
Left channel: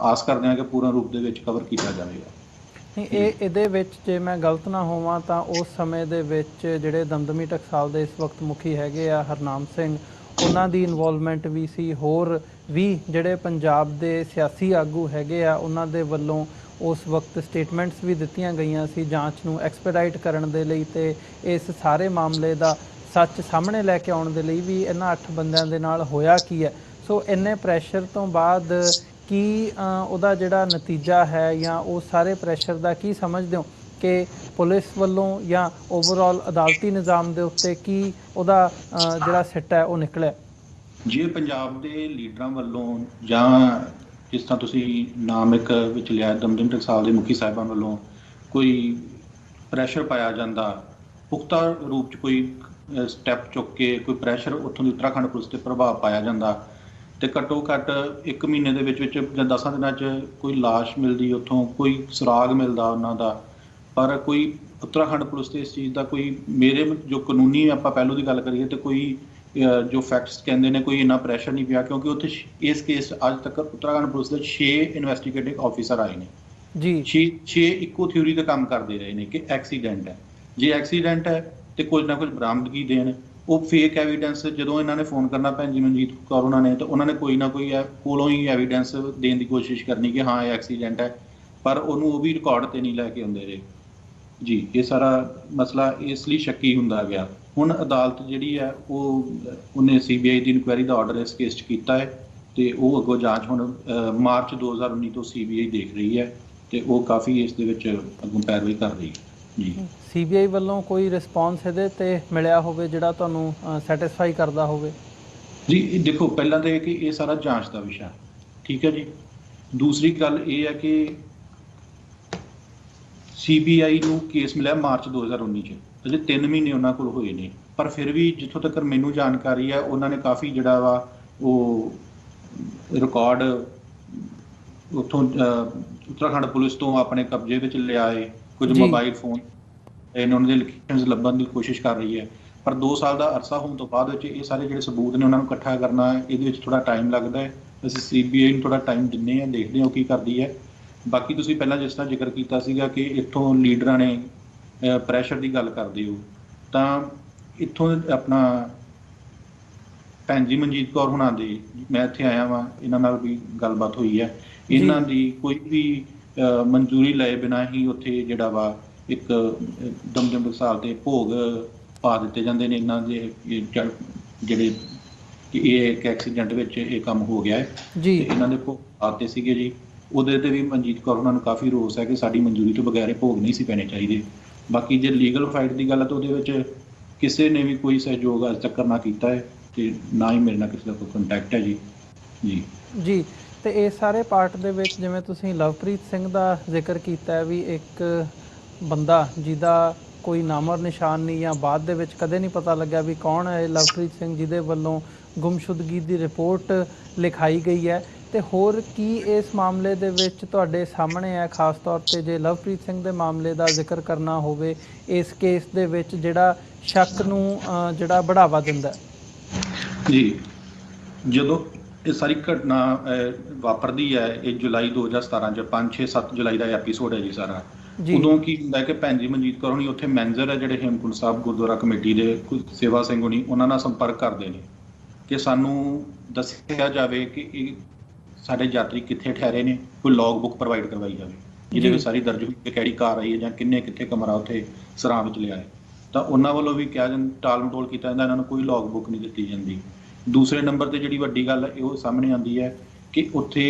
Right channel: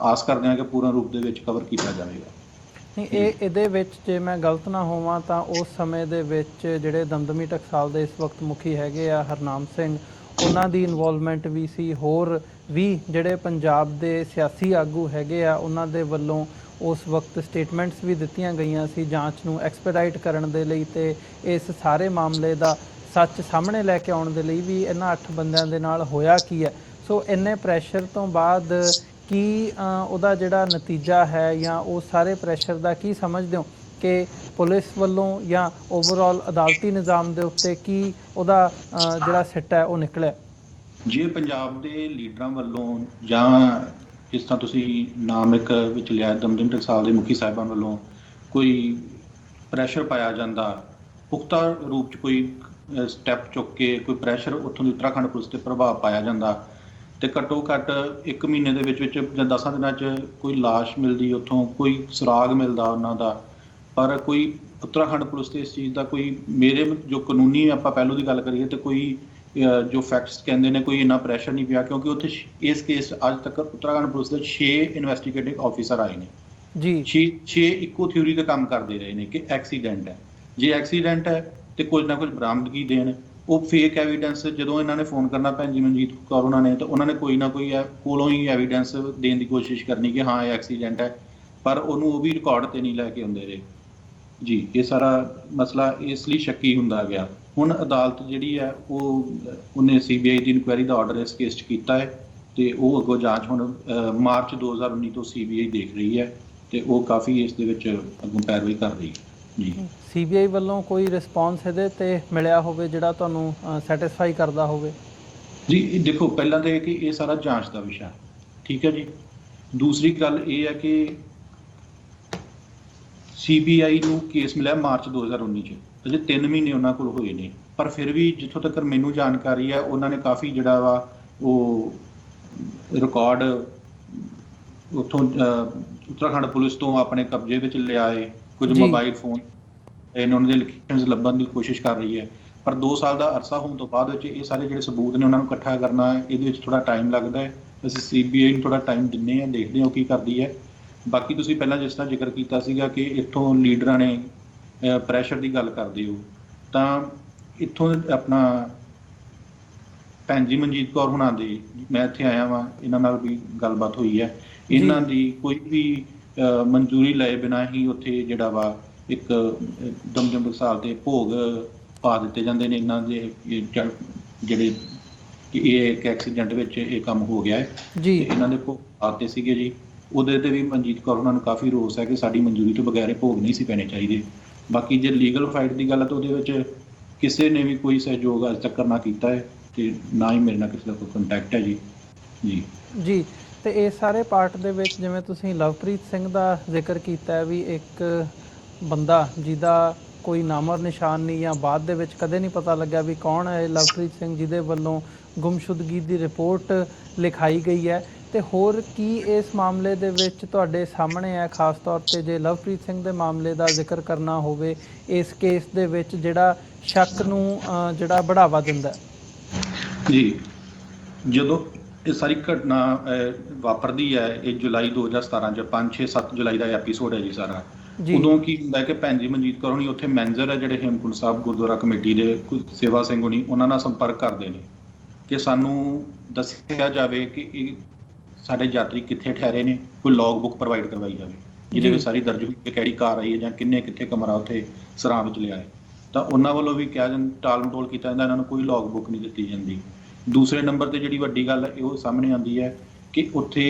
ਆਸ ਕਰਦੇ ਹਾਂ ਕਿ ਪੂਰਨ ਰੂਪ ਦੇ ਵਿੱਚ ਕਵਰ ਕੀਤਾ ਜਾਵੇਗਾ। ਇਹਦੇ ਵਿੱਚ ਜੇ ਮੈਂ ਗਲਤ ਨਾ ਹੋਵਾਂ ਤਾਂ ਉਸ ਸਮੇਂ ਦੇ ਵਿੱਚ ਜਿਹੜੇ ਦਮਦਮੀ ਟਕਸਾਲ ਦੇ ਇਸ ਵਕਤ ਮੁਖੀ ਹੈਗੇ ਆ ਹਰਨਾਮ ਸਿੰਘ, ਉਹਨਾਂ ਦੀ ਇਨਵੋਲਵਮੈਂਟ ਵੀ ਸੀ, ਹੋਰ ਵੀ ਜਿਹੜੇ ਪੰਜਾਬ ਦੇ ਸਿਆਸੀ ਆਗੂ ਹੈਗੇ ਆ ਉਹਨਾਂ ਦੇ ਵੱਲੋਂ ਉਸ ਵਕਤ ਸਟੇਟਮੈਂਟਸ ਵੀ ਦਿੱਤੀਆਂ ਗਈਆਂ ਸੀ ਜਾਂਚ ਨੂੰ ਐਕਸਪੈਡਾਈਟ ਕਰਨ ਦੇ ਲਈ, ਤੇ ਇਸ ਸਾਰੇ ਮਾਮਲੇ ਦਾ ਸੱਚ ਸਾਹਮਣੇ ਲੈ ਕੇ ਆਉਣ ਦੇ ਲਈ ਵੀ ਇਹਨਾਂ 8 ਬੰਦਿਆਂ ਦੇ ਨਾਲ ਹੋਇਆ ਕੀ ਹੈ। ਸੋ ਇੰਨੇ ਪ੍ਰੈਸ਼ਰ ਤੋਂ ਬਾਅਦ ਕੀ ਉਹਦਾ ਜਿਹੜਾ ਨਤੀਜਾ ਹੈ, ਜਾਂ ਉਹ ਸਾਰੇ ਪ੍ਰੈਸ਼ਰ ਦਾ ਕੀ ਸਮਝਦੇ ਹੋ ਕਿ ਪੁਲਿਸ ਵੱਲੋਂ ਜਾਂ ਓਵਰਆਲ ਅਦਾਲਤੀ ਨਿਜ਼ਾਮ ਦੇ ਉੱਤੇ ਕੀ ਉਹਦਾ ਜਿਹੜਾ ਸਿੱਟ ਹੈ ਉਹ ਨਿਕਲਿਆ? ਜੇ ਪੰਜਾਬ ਦੇ ਲੀਡਰਾਂ ਵੱਲੋਂ ਜਾਂ ਜਿਸ ਤਰ੍ਹਾਂ ਤੁਸੀਂ ਨਾਮ ਇੱਕ ਵਿੱਚ ਲਿਆ ਦਮਦਮ ਟਕਸਾਲ ਦੇ ਮੁਖੀ ਸਾਹਿਬਾਨ ਵੱਲੋਂ ਕੋਈ ਪ੍ਰੈਸ਼ਰ ਪਾਇਆ ਜਾਂਦਾ, ਪੁਖਤਾ ਰੂਪ 'ਚ ਕੋਈ ਸਟੈਪ ਚੁੱਕ ਕੇ ਕੋਈ ਪ੍ਰੈਸ਼ਰ ਉੱਥੋਂ ਦੀ ਉੱਤਰਾਖੰਡ ਪੁਲਿਸ 'ਤੇ ਪ੍ਰਭਾਵ ਪਾਇਆ ਜਾਂਦਾ ਤੇ ਘੱਟੋ ਘੱਟ 1 ਮਹੀਨੇ ਦੇ ਵਿੱਚ ਜਾਂ 10 ਦਿਨਾਂ 'ਚ ਕੋਈ ਲਾਸ਼ ਮਿਲਦੀ, ਉੱਥੋਂ ਕੋਈ ਸੁਰਾਗ ਮਿਲਦਾ ਉਹਨਾਂ ਦਾ, ਪਰ ਕੋਈ ਉੱਤਰਾਖੰਡ ਪੁਲਿਸ ਤੇ ਇਸ ਚੀਜ਼ ਦਾ ਕੋਈ ਮੇਰੇ ਜੋ ਕਾਨੂੰਨੀ ਆਪਾਂ ਪਹਿਲੋਂ ਦੀ ਗੱਲ ਕਰੀਏ ਤੇ ਕੋਈ ਜੋ ਫੈਕਟਸ ਕਹਿੰਦੇ ਨੇ ਕੋਈ ਇੰਨਾ ਪ੍ਰੈਸ਼ਰ ਨਹੀਂ ਪਿਆ, ਕਿਉਂਕਿ ਉੱਥੇ ਇਸ ਕੇਸ ਅੱਜ ਤੱਕ ਉੱਤਰਾਖੰਡ ਪੁਲਿਸ ਦੇ 6 ਇਨਵੈਸਟੀਗੇਟਿਵ ਆਫੀਸਰ ਆਏ ਨੇ ਜੀ। 6 ਇੱਕੋ ਥਿਊਰੀ ਤੇ ਕੰਮ ਕਰਦੇ ਰਹੇ ਨੇ ਕਿ ਐਕਸੀਡੈਂਟ ਹੈ। ਜੇ ਐਕਸੀਡੈਂਟ ਹੈ ਤੇ ਕੁਝ ਨਾ ਕੁਝ ਬਰਾਮਦਗੀ ਦੇਣ। ਉਹ ਫੇਕ ਐਵੀਡੈਂਸ ਜਦੋਂ ਇਹਨਾਂ ਨੇ ਫੋਨ ਕਰਨਾ ਭੈਣ ਜੀ ਮਨਜੀਤ ਕੌਰ ਉਹਨਾਂ ਨੇ, ਤਾਂ ਉਹਨਾਂ ਨੇ ਕੋਈ ਨਾ ਕੋਈ ਕੋਲੋਂ ਹੀ ਐਵੀਡੈਂਸ ਦੇਣ ਦੀ ਕੋਸ਼ਿਸ਼ ਕਰਨੀ ਕਿ ਹਾਂ ਇਹ ਐਕਸੀਡੈਂਟ ਹੈ, ਪਰ ਉਹਨੂੰ ਉਹ ਵੀ ਰਿਕਾਰਡ ਤੇ ਨਹੀਂ ਲੈ ਕੇ ਆਉਂਦੇ ਰਹੇ ਜੀ। ਇਹ ਸਾਰਾ ਮਸਲਾ ਇਸ ਲਈ ਸ਼ੱਕੀ ਹੁੰਦਾ ਗਿਆ। ਹੁਣ ਅਦਾਲਤ ਜਿਹੜੀ ਹੈ ਉਹਨੇ CBI ਦੀ ਇਨਕੁਆਇਰੀ ਦਾ ਆਰਡਰ ਇਸ ਕੇਸ 'ਚ ਕੀਤਾ ਹੈ ਤੇ ਉਹ ਅੱਗੋਂ ਜਾਂਚ ਹੁਣ ਮਾਰਚ 2019 ਤੋਂ CBI ਦੇਖ ਰਹੀ ਹੈ ਤੇ ਉਹ ਕਾਫੀ ਇਸ ਦੇ ਵਿੱਚ ਅੱਗੋਂ ਪੈਰਵਾਈ ਕਰ ਰਹੀ ਹੈ ਜੀ। CBI ਵੱਲੋਂ ਕੋਈ ਰਿਸਪੌਂਸ ਇਹਦੇ ਤੇ ਮਿਲਿਆ ਹੋਵੇ ਜਿਹੜਾ ਤੁਹਾਨੂੰ ਸੈਟੀਸਫਾਈ ਕਰਦਾ ਹੋਵੇ? ਜੀ ਇਹ ਦੇਖੋ, ਪਹਿਲਾਂ ਤਾਂ ਇਹ ਕਿ ਇਹ ਸਾਰਾ ਜਾਂਚ ਦਾ ਵਿਸ਼ਾ, ਠੀਕ ਹੈ ਜੀ। ਦੂਸਰੀ ਗੱਲ ਇਹ ਹੈ ਕਿ CBI ਨੂੰ ਕੇਸ ਮਿਲਿਆ ਮਾਰਚ 2019 ਚ, ਅਜੇ 3 ਮਹੀਨੇ ਉਹਨਾਂ ਕੋਲ ਹੋਏ ਨੇ, ਪਰ ਫਿਰ ਵੀ ਜਿੱਥੋਂ ਤੱਕ ਮੈਨੂੰ ਜਾਣਕਾਰੀ ਹੈ ਉਹਨਾਂ ਨੇ ਕਾਫੀ ਜਿਹੜਾ ਵਾ ਉਹ ਰਿਕਾਰਡ ਉੱਥੋਂ ਉੱਤਰਾਖੰਡ ਪੁਲਿਸ ਤੋਂ ਆਪਣੇ ਕਬਜ਼ੇ ਵਿੱਚ ਲਿਆ ਹੈ। ਕੁਝ ਮੋਬਾਈਲ ਫੋਨ ਇਹਨਾਂ ਦੇ ਲੋਕੇਸ਼ਨਸ ਲੱਭਣ ਦੀ ਕੋਸ਼ਿਸ਼ ਕਰ ਰਹੀ ਹੈ, ਪਰ 2 ਸਾਲ ਦਾ ਅਰਸਾ ਹੋਣ ਤੋਂ ਬਾਅਦ ਵਿੱਚ ਇਹ ਸਾਰੇ ਜਿਹੜੇ ਸਬੂਤ ਨੇ ਉਹਨਾਂ ਨੂੰ ਇਕੱਠਾ ਕਰਨਾ ਇਹਦੇ ਵਿੱਚ ਥੋੜਾ ਟਾਈਮ ਲੱਗਦਾ ਹੈ। ਅਸੀਂ CBI ਨੂੰ ਥੋੜਾ ਟਾਈਮ ਦਿੰਦੇ ਹਾਂ, ਦੇਖਦੇ ਹਾਂ ਉਹ ਕੀ ਕਰਦੀ ਹੈ। ਬਾਕੀ ਤੁਸੀਂ ਪਹਿਲਾਂ ਜਿਸ ਤਰ੍ਹਾਂ ਜ਼ਿਕਰ ਕੀਤਾ ਸੀਗਾ ਕਿ ਇੱਥੋਂ ਲੀਡਰਾਂ ਨੇ ਪ੍ਰੈਸ਼ਰ ਦੀ ਗੱਲ ਕਰਦੇ ਹੋ, ਤਾਂ ਇੱਥੋਂ ਆਪਣਾ ਭੈਣ ਜੀ ਮਨਜੀਤ ਕੌਰ ਹੁਣਾਂ ਦੇ, ਮੈਂ ਇੱਥੇ ਆਇਆ ਵਾਂ, ਇਹਨਾਂ ਨਾਲ ਵੀ ਗੱਲਬਾਤ ਹੋਈ ਹੈ। ਇਹਨਾਂ ਦੀ ਕੋਈ ਵੀ ਮਨਜ਼ੂਰੀ ਲਏ ਬਿਨਾਂ ਹੀ ਉੱਥੇ ਜਿਹੜਾ ਵਾ ਇੱਕ ਦਮਦਮ ਟਕਸਾਲ ਤੇ ਭੋਗ ਪਾ ਦਿੱਤੇ ਜਾਂਦੇ ਨੇ ਇਹਨਾਂ ਦੇ ਜਿਹੜੇ ਕਿ ਇਹ ਇੱਕ ਐਕਸੀਡੈਂਟ ਵਿੱਚ ਇਹ ਕੰਮ ਹੋ ਗਿਆ ਹੈ ਜੀ। ਇਹਨਾਂ ਦੇ ਭੋਗ ਪਾਤੇ ਸੀਗੇ ਜੀ, ਉਹਦੇ ਤੇ ਵੀ ਮਨਜੀਤ ਕੌਰ ਉਹਨਾਂ ਨੂੰ ਕਾਫੀ ਰੋਸ ਹੈ ਕਿ ਸਾਡੀ ਮਨਜ਼ੂਰੀ ਤੋਂ ਬਗੈਰ ਭੋਗ ਨਹੀਂ ਸੀ ਪੈਣੇ ਚਾਹੀਦੇ। ਬਾਕੀ ਜੇ ਲੀਗਲ ਫਾਈਟ ਦੀ ਗੱਲ ਹੈ ਤਾਂ ਉਹਦੇ ਵਿੱਚ ਕਿਸੇ ਨੇ ਵੀ ਕੋਈ ਸਹਿਯੋਗ ਅੱਜ ਤੱਕ ਨਾ ਕੀਤਾ ਹੈ ਤੇ ਨਾ ਹੀ ਮੇਰੇ ਨਾਲ ਕਿਸੇ ਦਾ ਕੋਈ ਕੰਟੈਕਟ ਹੈ ਜੀ। ਜੀ ਜੀ ਤੇ ਇਸ ਸਾਰੇ ਪਾਰਟ ਦੇ ਵਿੱਚ ਜਿਵੇਂ ਤੁਸੀਂ ਲਵਪ੍ਰੀਤ ਸਿੰਘ ਦਾ ਜ਼ਿਕਰ ਕੀਤਾ ਵੀ ਇੱਕ ਬੰਦਾ ਜਿਹਦਾ ਕੋਈ ਨਾਮ ਔਰ ਨਿਸ਼ਾਨ ਨਹੀਂ ਜਾਂ ਬਾਅਦ ਦੇ ਵਿੱਚ ਕਦੇ ਨਹੀਂ ਪਤਾ ਲੱਗਿਆ ਵੀ ਕੌਣ ਹੈ ਲਵਪ੍ਰੀਤ ਸਿੰਘ ਜਿਹਦੇ ਵੱਲੋਂ ਗੁੰਮਸ਼ੁਦਗੀ ਦੀ ਰਿਪੋਰਟ ਲਿਖਾਈ ਗਈ ਹੈ, ਤੇ ਹੋਰ ਕੀ ਇਸ ਮਾਮਲੇ ਦੇ ਵਿੱਚ ਤੁਹਾਡੇ ਸਾਹਮਣੇ ਹੈ? ਖਾਸ ਤੌਰ ਤੇ ਜੇ ਲਵਪ੍ਰੀਤ ਸਿੰਘ ਦੇ ਮਾਮਲੇ ਦਾ ਜ਼ਿਕਰ ਕਰਨਾ ਹੋਵੇ ਇਸ ਕੇਸ ਦੇ ਵਿੱਚ ਜਿਹੜਾ ਸ਼ੱਕ ਨੂੰ ਜਿਹੜਾ ਬੜਾਵਾ ਦਿੰਦਾ ਜੀ। ਜਦੋਂ ਇਹ ਸਾਰੀ ਘਟਨਾ ਵਾਪਰਦੀ ਹੈ, ਇਹ ਜੁਲਾਈ 2017 ਚ 5-6-7 ਜੁਲਾਈ ਦਾ ਐਪੀਸੋਡ ਹੈ ਜੀ ਸਾਰਾ। ਉਦੋਂ ਕੀ ਹੁੰਦਾ ਕਿ ਭੈਣ ਜੀ ਮਨਜੀਤ ਕੌਰ ਹੋਣੀ ਉੱਥੇ ਮੈਨੇਜਰ ਹੈ ਜਿਹੜੇ ਹੇਮਕੁੰਟ ਸਾਹਿਬ ਗੁਰਦੁਆਰਾ ਕਮੇਟੀ ਦੇ, ਸੇਵਾ ਸਿੰਘ ਹੋਣੀ, ਉਹਨਾਂ ਨਾਲ ਸੰਪਰਕ ਕਰਦੇ ਨੇ ਕਿ ਸਾਨੂੰ ਦੱਸਿਆ ਜਾਵੇ ਕਿ ਇਹ ਸਾਡੇ ਯਾਤਰੀ ਕਿੱਥੇ ਠਹਿਰੇ ਨੇ, ਕੋਈ ਲੌਗ ਬੁੱਕ ਪ੍ਰੋਵਾਈਡ ਕਰਵਾਈ ਜਾਵੇ ਜਿਹਦੇ ਵਿੱਚ ਸਾਰੀ ਦਰਜ ਹੋਈ ਕਿਹੜੀ ਕਾਰ ਆਈ ਹੈ ਜਾਂ ਕਿੱਥੇ ਕਮਰਾ ਉੱਥੇ ਸਰਾਂ ਵਿੱਚ ਲਿਆ ਹੈ। ਤਾਂ ਉਹਨਾਂ ਵੱਲੋਂ ਵੀ ਕਿਹਾ ਜਾਂਦਾ, ਟਾਲ ਮਟੋਲ ਕੀਤਾ ਜਾਂਦਾ, ਇਹਨਾਂ ਨੂੰ ਕੋਈ ਲੌਗ ਬੁੱਕ ਨਹੀਂ ਦਿੱਤੀ ਜਾਂਦੀ। ਦੂਸਰੇ ਨੰਬਰ ਤੇ ਜਿਹੜੀ ਵੱਡੀ ਗੱਲ ਹੈ ਉਹ ਸਾਹਮਣੇ ਆਉਂਦੀ ਹੈ ਕਿ ਉੱਥੇ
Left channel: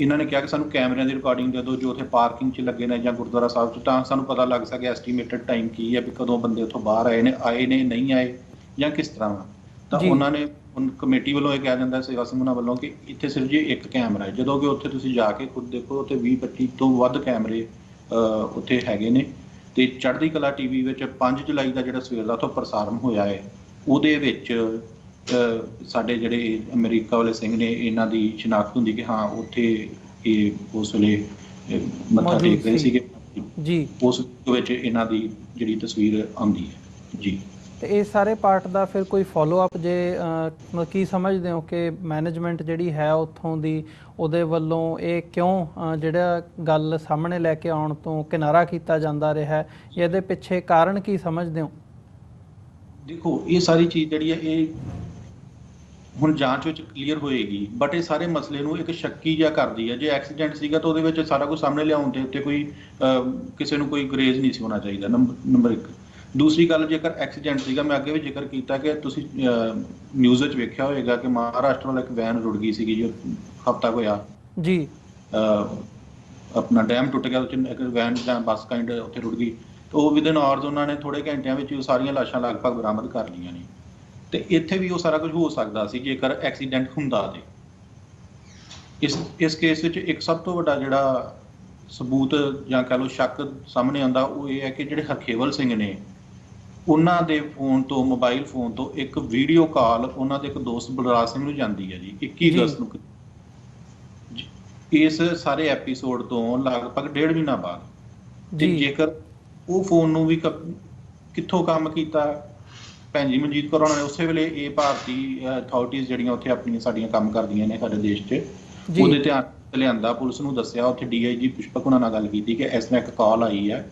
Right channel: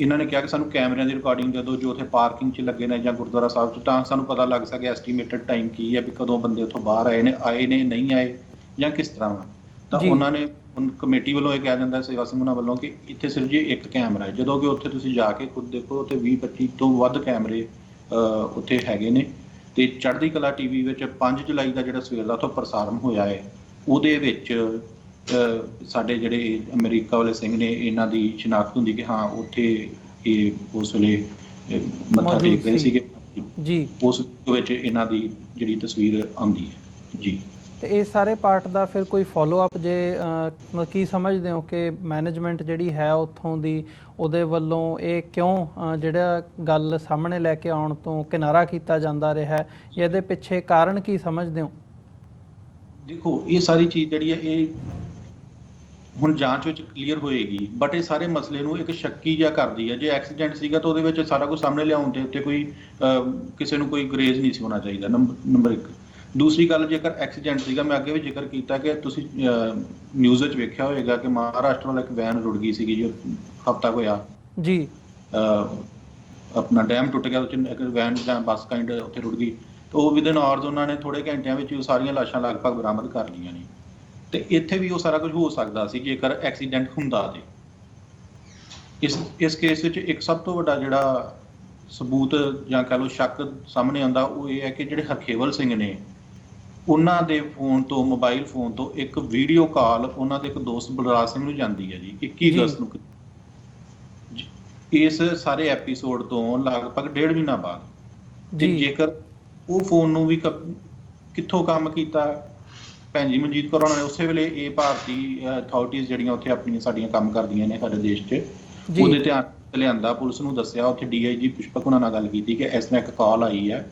ਇਹਨਾਂ ਨੇ ਕਿਹਾ ਕਿ ਸਾਨੂੰ ਕੈਮਰਿਆਂ ਦੀ ਰਿਕਾਰਡਿੰਗ ਦੇ ਦਿਓ ਜੋ ਉੱਥੇ ਪਾਰਕਿੰਗ 'ਚ ਲੱਗੇ ਨੇ ਜਾਂ ਗੁਰਦੁਆਰਾ ਸਾਹਿਬ 'ਚ, ਤਾਂ ਸਾਨੂੰ ਪਤਾ ਲੱਗ ਸਕੇ ਐਸਟੀਮੇਟਡ ਟਾਈਮ ਕੀ ਹੈ ਵੀ ਕਦੋਂ ਬੰਦੇ ਉੱਥੋਂ ਬਾਹਰ ਆਏ ਨੇ ਨਹੀਂ ਆਏ ਜਾਂ ਕਿਸ ਤਰ੍ਹਾਂ ਵਾ। ਤਾਂ ਉਹਨਾਂ ਨੇ ਕਮੇਟੀ ਵੱਲੋਂ ਇਹ ਕਿਹਾ ਜਾਂਦਾ ਸੇਵਾ ਸਿੰਘ ਉਹਨਾਂ ਵੱਲੋਂ ਕਿ ਇੱਥੇ ਸਿਰਫ ਜੀ ਇੱਕ ਕੈਮਰਾ ਹੈ, ਜਦੋਂ ਕਿ ਉੱਥੇ ਤੁਸੀਂ ਜਾ ਕੇ ਖੁਦ ਦੇਖੋ ਉੱਥੇ 20-25 ਤੋਂ ਵੱਧ ਕੈਮਰੇ ਉੱਥੇ ਹੈਗੇ ਨੇ। ਤੇ ਚੜ੍ਹਦੀ ਕਲਾ TV ਵਿੱਚ 5 ਜੁਲਾਈ ਦਾ ਜਿਹੜਾ ਸਵੇਰ ਦਾ ਉੱਥੋਂ ਪ੍ਰਸਾਰਣ ਹੋਇਆ ਹੈ, ਉਹਦੇ ਵਿੱਚ ਸਾਡੇ ਜਿਹੜੇ ਅਮਰੀਕਾ ਵਾਲੇ ਸਿੰਘ ਨੇ ਇਹਨਾਂ ਦੀ ਸ਼ਨਾਖਤ ਹੁੰਦੀ ਕਿ ਹਾਂ ਉੱਥੇ ਇਹ ਉਸ ਵੇਲੇ ਮੱਥਾ ਟੇਕ ਰਹੇ ਸੀਗੇ ਜੀ, ਉਸ ਵਿੱਚ ਇਹਨਾਂ ਦੀ ਜਿਹੜੀ ਤਸਵੀਰ ਆਉਂਦੀ ਹੈ ਜੀ। ਤੇ ਇਹ ਸਾਰੇ ਪਾਰਟ ਦਾ ਫਿਰ ਕੋਈ ਫੋਲੋ ਅਪ ਜੇ ਕੀ ਸਮਝਦੇ ਹੋ ਕਿ ਮੈਨੇਜਮੈਂਟ ਜਿਹੜੀ ਹੈ ਉੱਥੋਂ ਦੀ ਉਹਦੇ ਵੱਲੋਂ ਇਹ ਕਿਉਂ ਜਿਹੜਾ ਗੱਲ ਸਾਹਮਣੇ ਲੈ ਕੇ ਆਉਣ ਤੋਂ ਕਿਨਾਰਾ ਕੀਤਾ ਜਾਂਦਾ ਰਿਹਾ, ਇਹਦੇ ਪਿੱਛੇ ਕਾਰਨ ਕੀ ਸਮਝਦੇ ਹੋ? ਦੇਖੋ ਇਹ ਸਾਰੀ ਚੀਜ਼ ਜਿਹੜੀ ਹੈ ਇਹ ਹੁਣ ਜਾਂਚ ਵਿੱਚ ਕਲੀਅਰ ਹੋਏਗੀ, ਬਟ ਇਹ ਸਾਰੇ ਮਸਲੇ ਨੂੰ ਇੱਕ ਸ਼ੱਕੀ ਜਿਹਾ ਕਰਦੀ ਹੈ। ਜੇ ਐਕਸੀਡੈਂਟ ਸੀਗਾ ਤਾਂ ਉਹਦੇ ਵਿੱਚ ਸਾਰਾ ਕੁਝ ਸਾਹਮਣੇ ਲਿਆਉਣ ਦੇ ਉੱਤੇ ਕੋਈ ਕਿਸੇ ਨੂੰ ਕੋਈ ਗਰੇਜ਼ ਨਹੀਂ ਸੀ ਹੋਣਾ ਚਾਹੀਦਾ, ਨੰਬਰ 1। ਦੂਸਰੀ ਗੱਲ, ਜੇਕਰ ਐਕਸੀਡੈਂਟ ਸੀਗਾ, ਮੈਂ ਅੱਗੇ ਵੀ ਜ਼ਿਕਰ ਕੀਤਾ ਕਿ ਤੁਸੀਂ ਨਿਊਜ਼ ਵਿੱਚ ਵੇਖਿਆ ਹੋਏਗਾ ਕਿ ਮਹਾਰਾਸ਼ਟਰ ਵੱਲ ਇੱਕ ਵੈਨ ਰੁੜ ਗਈ ਸੀਗੀ ਜੋ ਹਫ਼ਤਾ ਹੋਇਆ ਜੀ। ਆਪਣਾ ਡੈਮ ਟੁੱਟ ਗਿਆ, ਉੱਥੇ ਇੱਕ ਵੈਨ ਜਾਂ ਬੱਸ ਕਾਇੰਡ ਉੱਥੇ ਰੁੜ ਗਈ। ਤੇ ਉਹ ਵਿਦਨ ਆਵਰਸ ਉਹਨਾਂ ਨੇ ਥੋੜੇ ਘੰਟਿਆਂ ਵਿੱਚ ਉਹ ਸਾਰੀਆਂ ਲਾਸ਼ਾਂ ਲਗਭਗ ਬਰਾਮਦ ਕਰ ਲਈਆਂ ਨੇ। ਤੇ ਇੱਥੇ ਵੀ ਉਹ ਸਾਰਾ ਕੁਝ ਹੋ ਸਕਦਾ ਸੀ ਜੇਕਰ ਐਕਸੀਡੈਂਟ ਹੁੰਦਾ ਤੇ। ਇਸ ਕੇਸ ਵਿੱਚ ਇੱਕ ਸਭ ਤੋਂ ਵੱਡਾ ਜਿਹੜਾ ਸਬੂਤ ਜਾਂ ਕਹਿ ਲਓ ਸ਼ੱਕ ਸਾਹਮਣੇ ਆਉਂਦਾ ਉਹ ਇਹ ਹੈ ਕਿ ਜਿਹੜੇ ਹਰਖੇਵਲ ਸਿੰਘ ਨੇ, ਉਹਨਾਂ ਦੇ ਫੋਨ ਤੋਂ, ਮੋਬਾਈਲ ਫੋਨ ਤੋਂ ਇੱਕ ਵੀਡੀਓ ਕਾਲ ਉਹਨਾਂ ਦੇ ਇੱਕ ਦੋਸਤ ਬਲਰਾਜ ਸਿੰਘ ਨੂੰ ਜਾਂਦੀ ਹੈ ਜੀ 21 ਅਗਸਤ ਨੂੰ। ਇਸ ਸਾਰੇ ਐਪੀਸੋਡ ਤੋਂ ਲਗਭਗ 1.5 ਮਹੀਨਾ ਬਾਅਦ। ਤੇ ਜੇਕਰ ਉਹ ਫੋਨ ਨੂੰ ਵੀ ਕਿੱਥੋਂ ਕੰਮ ਕੀਤਾ ਭੈਣ ਜੀ ਮਨਜੀਤ ਕੌਰ ਨੇ, ਉਸੇ ਵੇਲੇ ਇਹ ਭਾਰਤੀ ਅਥਾਰਟੀਜ਼ ਜਿਹੜੀਆਂ ਉੱਥੇ ਆਪਣੀਆਂ ਸਾਡੀਆਂ ਕੰਮ ਕਰਦੀਆਂ ਨੇ ਸਾਡੇ ਦੇਸ਼ 'ਚ, ਉਹਦੇ ਧਿਆਨ ਲਿਆਂਦਾ, ਪੁਲਿਸ ਨੂੰ ਦੱਸਿਆ, ਉੱਥੇ DIG ਪੁਸ਼ਪਕ ਉਹਨਾਂ ਨਾਲ ਗੱਲ ਕੀਤੀ ਕਿ ਇਸ ਤਰ੍ਹਾਂ ਇੱਕ ਕਾਲ ਆਈ ਹੈ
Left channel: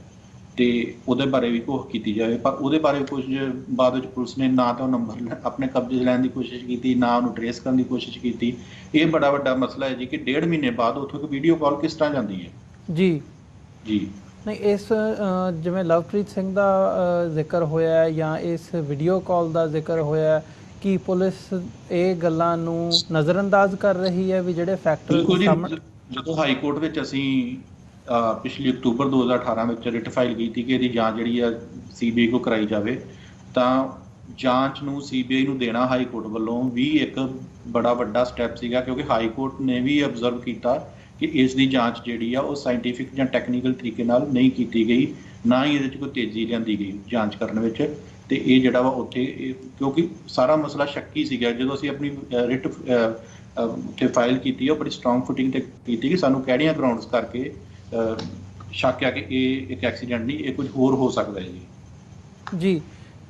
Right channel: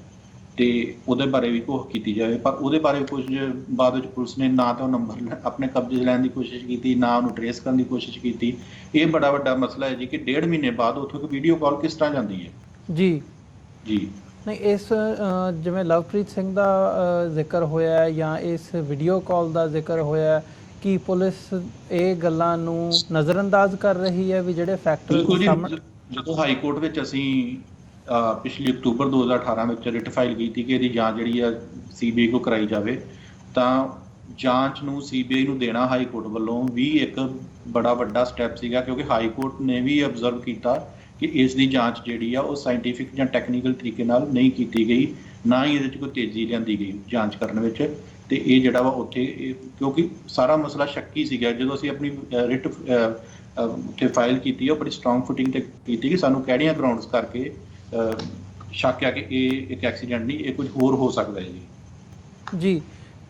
ਤੇ ਉਹਦੇ ਬਾਰੇ ਵੀ ਘੋਖ ਕੀਤੀ ਜਾਵੇ। ਪਰ ਉਹਦੇ ਬਾਰੇ ਕੁਝ ਬਾਅਦ ਵਿੱਚ ਪੁਲਿਸ ਨੇ ਨਾ ਤਾਂ ਉਹ ਨੰਬਰ ਆਪਣੇ ਕਬਜ਼ੇ ਲੈਣ ਦੀ ਕੋਸ਼ਿਸ਼ ਕੀਤੀ, ਨਾ ਉਹਨੂੰ ਟਰੇਸ ਕਰਨ ਦੀ ਕੋਸ਼ਿਸ਼ ਕੀਤੀ। ਇਹ ਬੜਾ ਵੱਡਾ ਮਸਲਾ ਹੈ ਜੀ ਕਿ 1.5 ਮਹੀਨੇ ਬਾਅਦ ਉੱਥੋਂ ਇੱਕ ਵੀਡੀਓ ਕਾਲ ਕਿਸ ਤਰ੍ਹਾਂ ਜਾਂਦੀ ਹੈ। ਜੀ ਜੀ ਨਹੀਂ, ਇਸ ਜਿਵੇਂ ਲਵਪ੍ਰੀਤ ਸਿੰਘ ਦਾ ਜ਼ਿਕਰ ਹੋਇਆ ਜਾਂ ਇਸ ਵੀਡੀਓ ਕਾਲ ਦਾ ਜ਼ਿਕਰ ਹੋਇਆ, ਕਿ ਪੁਲਿਸ ਇਹ ਗੱਲਾਂ ਨੂੰ ਨਜ਼ਰਅੰਦਾਜ਼ ਕਰ ਰਹੀ ਹੈ ਵੀ ਜਿਹੜੇ ਫੈਕਟਰ ਸਾਹਮਣੇ। ਜਦੋਂ ਹਾਈ ਕੋਰਟ ਵਿੱਚ ਅਸੀਂ ਪਿਛਲੀ ਅਕਤੂਬਰ 2018 ਵਿੱਚ ਰਿਟ ਫਾਈਲ ਕੀਤੀ ਕਿ ਇਹਦੀ ਜਾਂਚ ਜਿਹੜੀ ਆ CBI ਕੋ ਕਰਾਈ ਜਾਵੇ, ਤਾਂ ਜਾਂਚ ਨੂੰ CBI ਨੂੰ ਦੇਣਾ ਹਾਈ ਕੋਰਟ ਵੱਲੋਂ ਵੀ ਇੱਕ ਬੜਾ ਵੱਡਾ ਸਟੈਪ ਸੀਗਾ, ਕਿਉਂਕਿ ਹਾਈ ਕੋਰਟ ਨੇ ਵੀ ਅਬਜ਼ਰਵ ਕੀਤਾ ਕਿ ਇਸ ਦੀ ਜਾਂਚ ਜਿਹੜੀ ਆ ਉਹ ਸਾਇੰਟੀਫਿਕ ਜਾਂ ਟੈਕਨੀਕਲ ਤਰੀਕੇ ਨਾਲ ਨਹੀਂ ਕੀਤੀ ਗਈ, ਨਾ ਹੀ ਇਹਦੇ 'ਚ ਕੋਈ ਤੇਜ਼ੀ ਲਿਆਂਦੀ ਗਈ ਜਾਂਚ ਕਰਨ ਵਿੱਚ। ਤੇ ਇਹ ਜਿਹੜਾ ਵਾ ਉੱਥੇ ਕਿਉਂਕਿ ਸਾਰਾ ਮਸਲਾ ਸ਼ੱਕੀ ਸੀਗਾ, ਜਦੋਂ ਅਸੀਂ ਆਪਣੀ ਰਿਟ ਉੱਥੇ ਫਾਈਲ ਕੀਤੀ ਉਹ ਬੜੀ ਸਟਰੋਂਗ ਫੁਟਿੰਗ ਤੇ ਕੀਤੀ ਕਿ ਸਾਨੂੰ ਕਿਹੜੀਆਂ ਗਰਾਊਂਡਸ ਕਰਕੇ ਸ਼ੱਕ ਹੈ ਕਿ ਇਹ ਇੱਕ ਐਕਸੀਡੈਂਟ ਨਹੀਂ, ਇਹ ਕੁਝ ਹੋਰ ਹੋ ਸਕਦਾ ਹੈ ਜੀ।